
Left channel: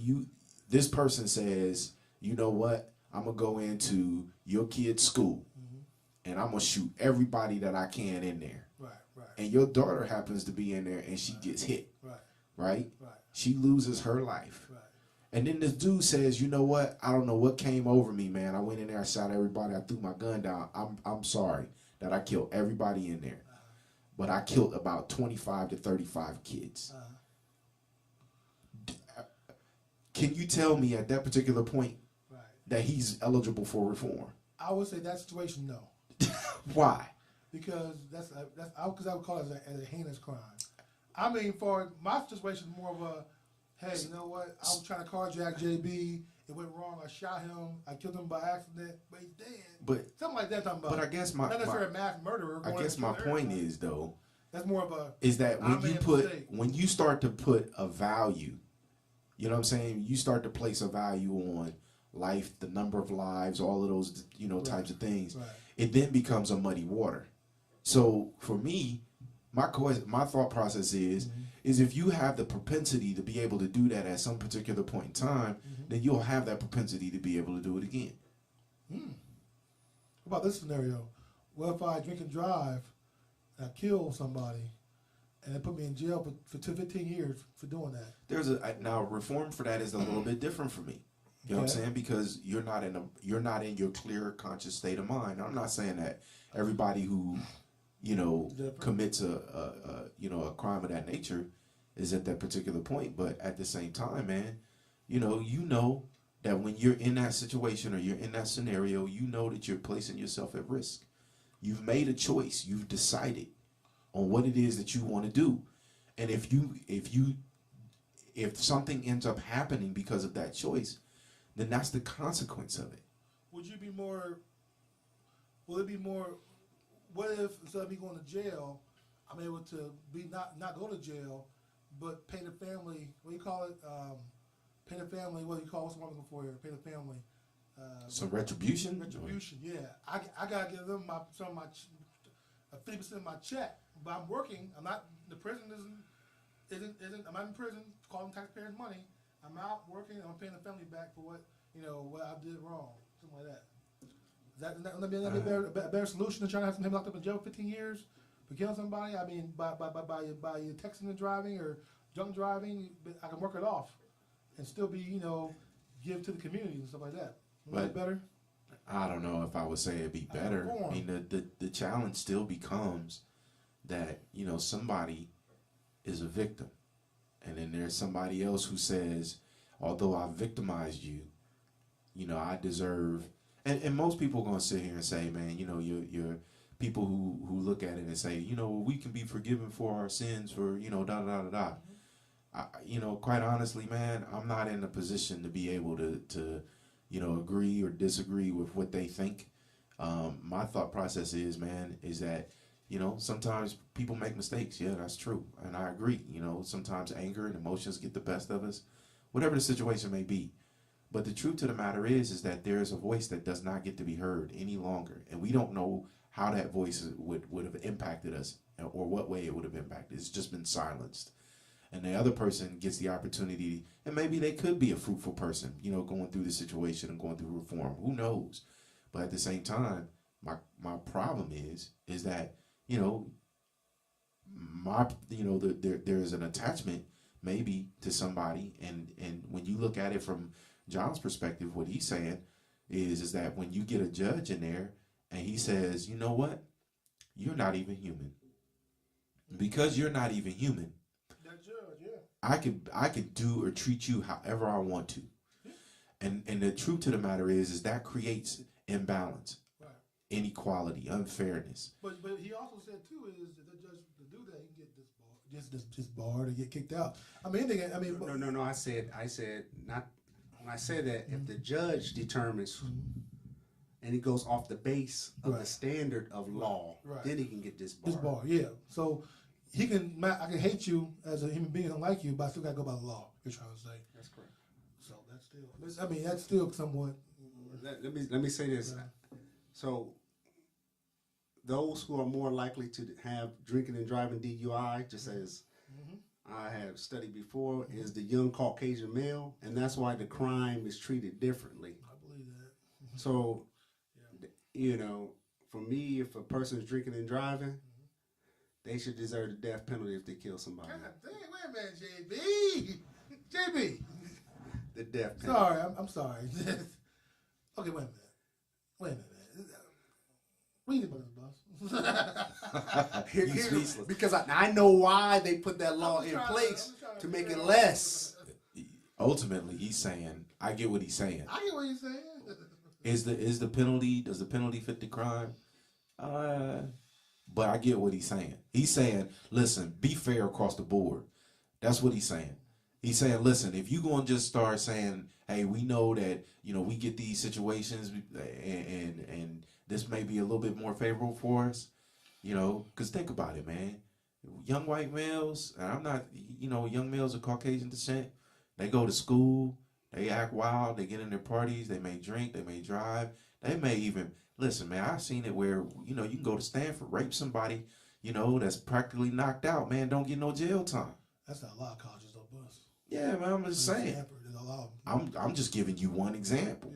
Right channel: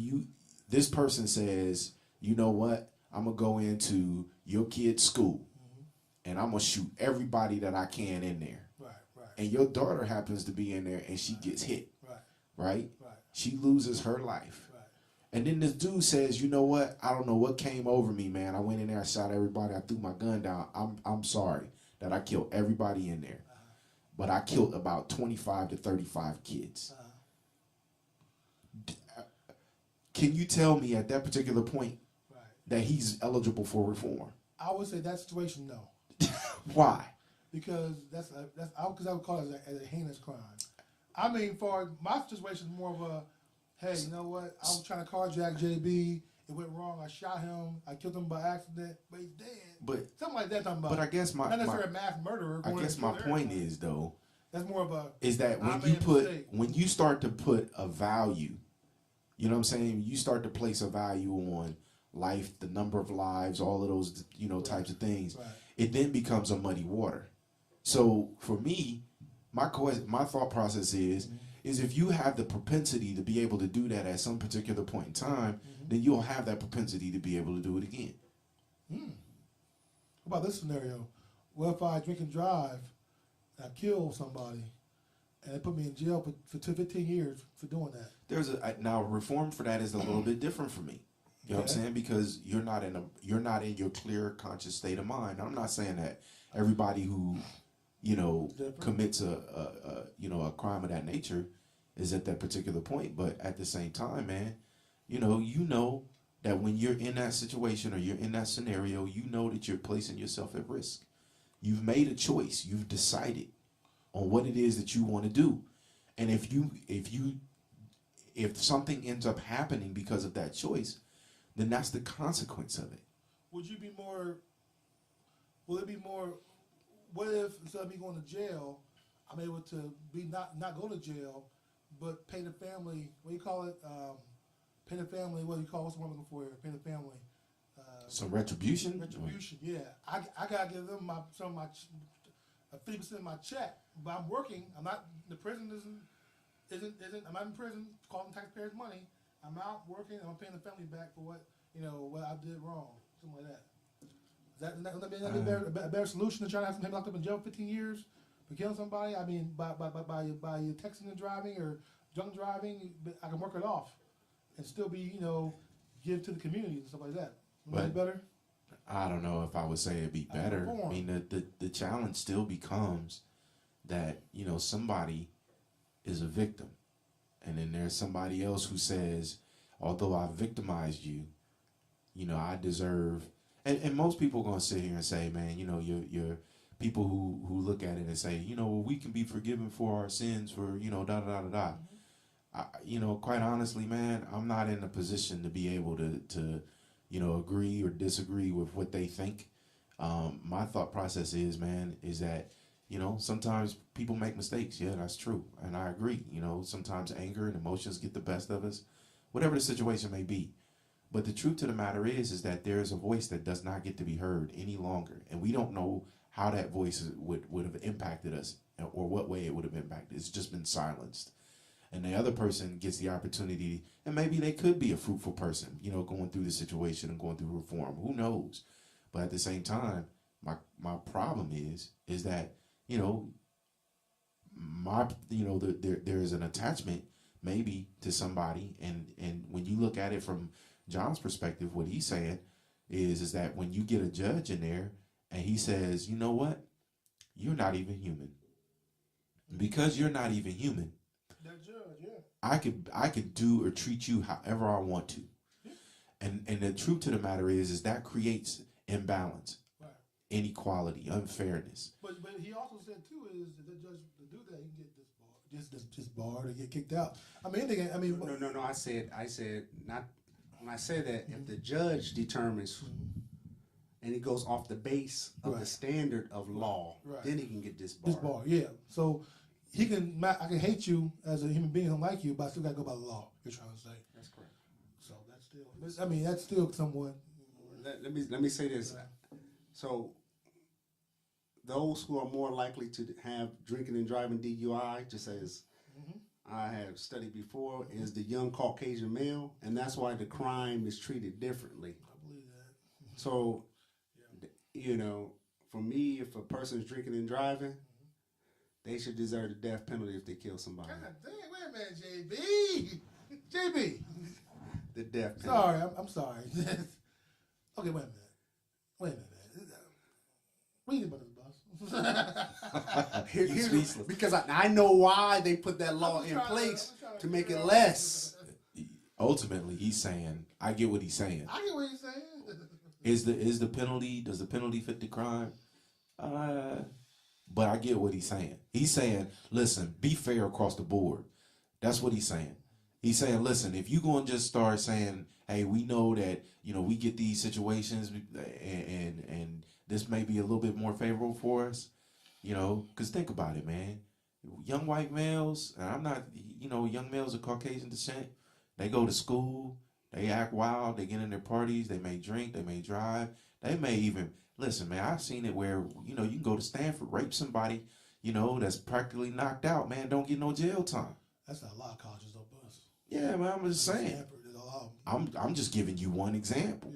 this person says, you know what? I'm gonna go into your kid's school, and I'm gonna shoot everybody that I can in there. Right. Right. And your daughter happens to be in there, and she gets hit. Right. Right. Right. She loses her life. Right. And then this dude says, you know what? I don't know what came over me, man. I went in there, I shot everybody, I threw my gun down. I'm sorry that I killed everybody in there. But I killed about 25 to 35 kids. Can you tell me at that particular point that he's eligible for reform? I would say that situation, no. Why? Because I would call it as a heinous crime. I mean, for my situation, more of a, hey, you know what? I was trying to carjack JB. It went wrong. I shot him. I killed him by accident, but he's dead. But something like that. I'm talking about. But I guess not necessarily a mass murderer. I guess my point is though. That's more of a. Is that when you start to put a value, you know what I'm saying? You start to place a value on life, the number of lives, all of those types of things. Right. It then becomes a muddy water. So for me, my thought process is if you have the propensity to be able to do that at some particular point in time, then you'll have that propensity to be able to do it again. What about this scenario? What if I drink and drive, and I kill somebody, and they put me in jail for 15 years for doing that? Now reform for that is a little bit different for me. You know what I'm saying? Because you're not in your clear conscious state of mind. I'm not saying that everybody who commits a crime of that nature is at that particular point, but at the same time, man, you know that when you're in that situation or you're in that scenario, you know that you're placing yourself at risk. You've made a choice. You've decided on what it is that you want to do, and if something ends up happening because of that choice, then that's the consequence of it. Would you be more? Will it be more? What if instead of me going to jail, I'm able to be not go to jail, but pay the family? What do you call it? Pay the family. What do you call? What's the one I'm looking for here? Pay the family. Some retribution. Retribution. Yeah, I gotta give them 50% of my check, but I'm working. I'm not. The prison isn't. I'm not in prison. Calling taxpayers' money. I'm out working. I'm paying the family back for what I did wrong. Something like that. Would that be a better solution than trying to have him locked up in jail for 15 years for killing somebody? I mean, by your texting and driving or drunk driving, I can work it off and still be give to the community and stuff like that. Would that be better? I don't know if I would say it'd be better. I mean, the challenge still becomes that somebody is a victim, and then there's somebody else who says, although I victimized you, I deserve. And most people are gonna sit here and say, man, you're people who look at it and say, we can be forgiven for our sins for da da da da da. Quite honestly, man, I'm not in a position to be able to agree or disagree with what they think. My thought process is that sometimes people make mistakes. Yeah, that's true, and I agree. Sometimes anger and emotions get the best of us, whatever the situation may be. But the truth to the matter is that there is a voice that does not get to be heard any longer. And we don't know how that voice would have impacted us or what way it would have impacted. It's just been silenced. And the other person gets the opportunity, and maybe they could be a fruitful person, going through the situation and going through reform. Who knows? But at the same time, my problem is that, there's an attachment maybe to somebody. And when you look at it from John's perspective, what he's saying is that when you get a judge in there and he says, you know what, you're not even human. Because you're not even human, that judge, yeah, I could do or treat you however I want to. Yeah. And the truth to the matter is that creates imbalance, right, inequality, unfairness. But he also said too is that the judge to do that he can get disbarred or get kicked out. No. I said not. When I say that, if the judge determines and he goes off the base of the standard of law, then he can get disbarred. Disbarred, yeah. So I can hate you as a human being, don't like you, but I still got to go by the law. You're trying to say that's correct. So that's still somewhat. Let me say this. So those who are more likely to have drinking and driving DUI, just as I have studied before, is the young Caucasian male, and that's why the crime is treated differently. I believe that. So, for me, if a person's drinking and driving, they should deserve the death penalty if they kill somebody. God dang, wait a minute, JB. JB. The death penalty. Sorry, I'm sorry. Okay, wait a minute. What do you think about this, boss? He's speechless. Because I know why they put that law in place to make it less. Ultimately, he's saying, I get what he's saying. I get what he's saying. Is the penalty, does the penalty fit the crime? But I get what he's saying. He's saying, listen, be fair across the board. That's what he's saying. He's saying, listen, if you're going to just start saying, hey, we know that, we get these situations and this may be a little bit more favorable for us, because think about it, man. Young white males, and I'm not, young males of Caucasian descent, they go to school, they act wild, they get in their parties, they may drink, they may drive, they may even, listen, man, I've seen it where, you can go to Stanford, rape somebody, that's practically knocked out, man, don't get no jail time. That's not a lot of colleges, though, Buzz. Yeah, man, I'm just saying. Stanford, there's a lot of them. I'm just giving you one example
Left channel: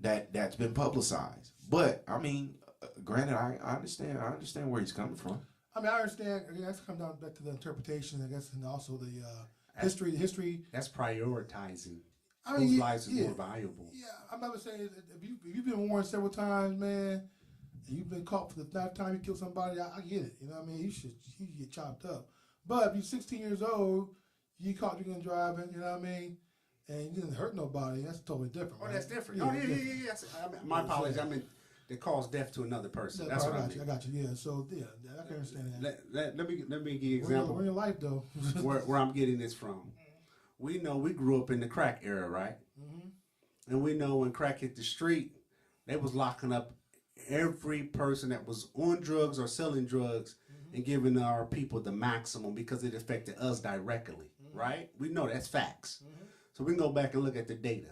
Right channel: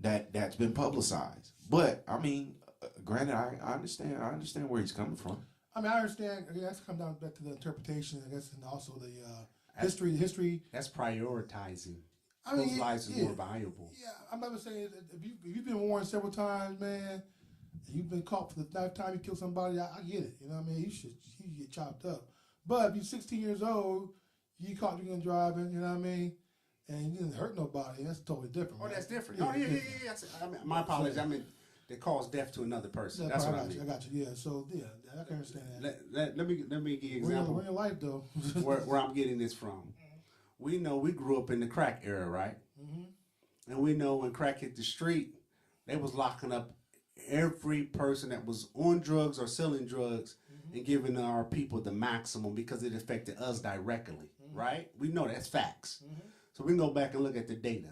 that's been publicized. But I mean, granted, I understand where he's coming from. I mean, I understand. Again, that's come down back to the interpretation, I guess, and also the history. That's prioritizing. I mean, whose lives is more valuable. Yeah, I'm about to say, if you've been warned several times, man, and you've been caught for the ninth time you killed somebody, I get it. You know what I mean? You should get chopped up. But if you're 16 years old, you caught drinking and driving, you know what I mean? And you didn't hurt nobody, that's totally different. Oh, right? that's different. Yeah, yeah. I mean, my apologies. I mean, they cause death to another person. That's what I mean. I got you. Yeah, so yeah, I can understand that. Let me give you an example. We're in your life though. where I'm getting this from. We know we grew up in the crack era, right? Mm-hmm. And we know when crack hit the street, they was locking up every person that was on drugs or selling drugs and giving our people the maximum because it affected us directly, right? We know that's facts. So we can go back and look at the data.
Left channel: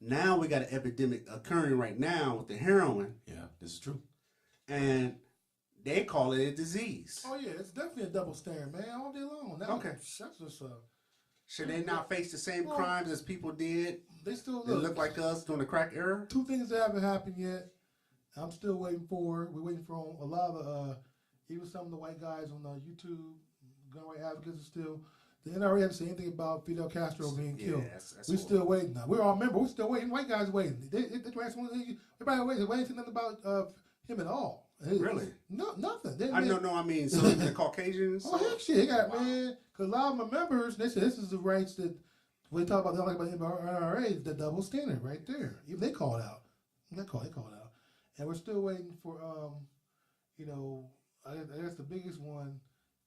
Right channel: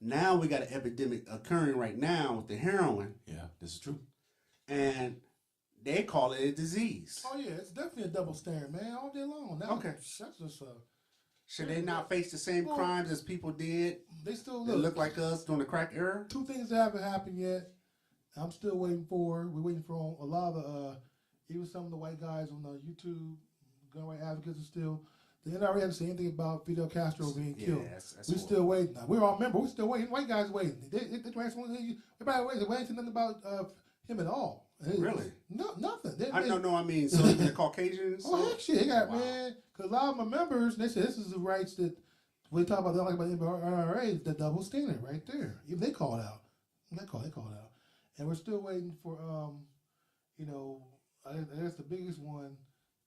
Now we got an epidemic occurring right now with the heroin. Yeah, this is true. And they call it a disease. Oh yeah, it's definitely a double standard, man, all day long. Now, Okay. That's just Should they not face the same crimes as people did? They still look like us during the crack era? Two things that haven't happened yet. I'm still waiting for. We're waiting for a lot of even some of the white guys on YouTube, gun right advocates, are still. The NRA hasn't said anything about Fidel Castro being killed. That's We're still waiting. Now, we're still waiting. White guys waiting. Everybody waiting. They ain't saying nothing about him at all. Really? No, nothing. I mean, so even the Caucasians. Oh heck, shit! They got man. Because a lot of my members, they say this is the rights that we talk about. They don't like about the NRA. The double standard right there. Even they call it out. They call it out. And we're still waiting for I guess the biggest one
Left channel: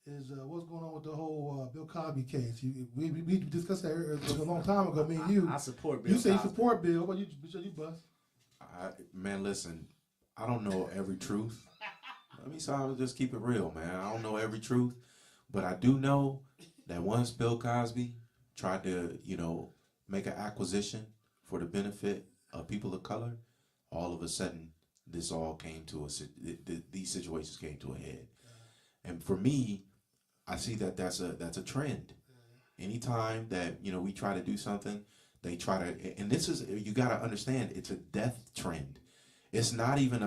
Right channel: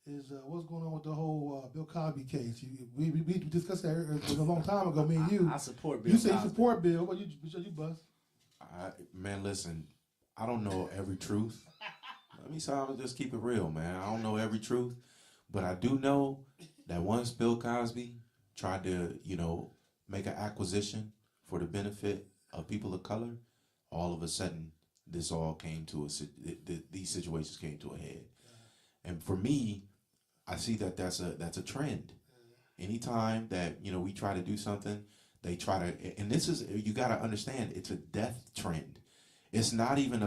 is what's going on with the whole Bill Cosby case. We discussed that a long time ago. Me and you. I support Bill. You say Cosby. you support Bill. What you bust? Man, listen, I don't know every truth. I'll just keep it real, man. I don't know every truth, but I do know that once Bill Cosby tried to, make an acquisition for the benefit of people of color, all of a sudden this all came to these situations came to a head. And for me, I see that's a trend. Anytime that we try to do something, they try to, and this is, you got to understand, it's a death trend. It's not even a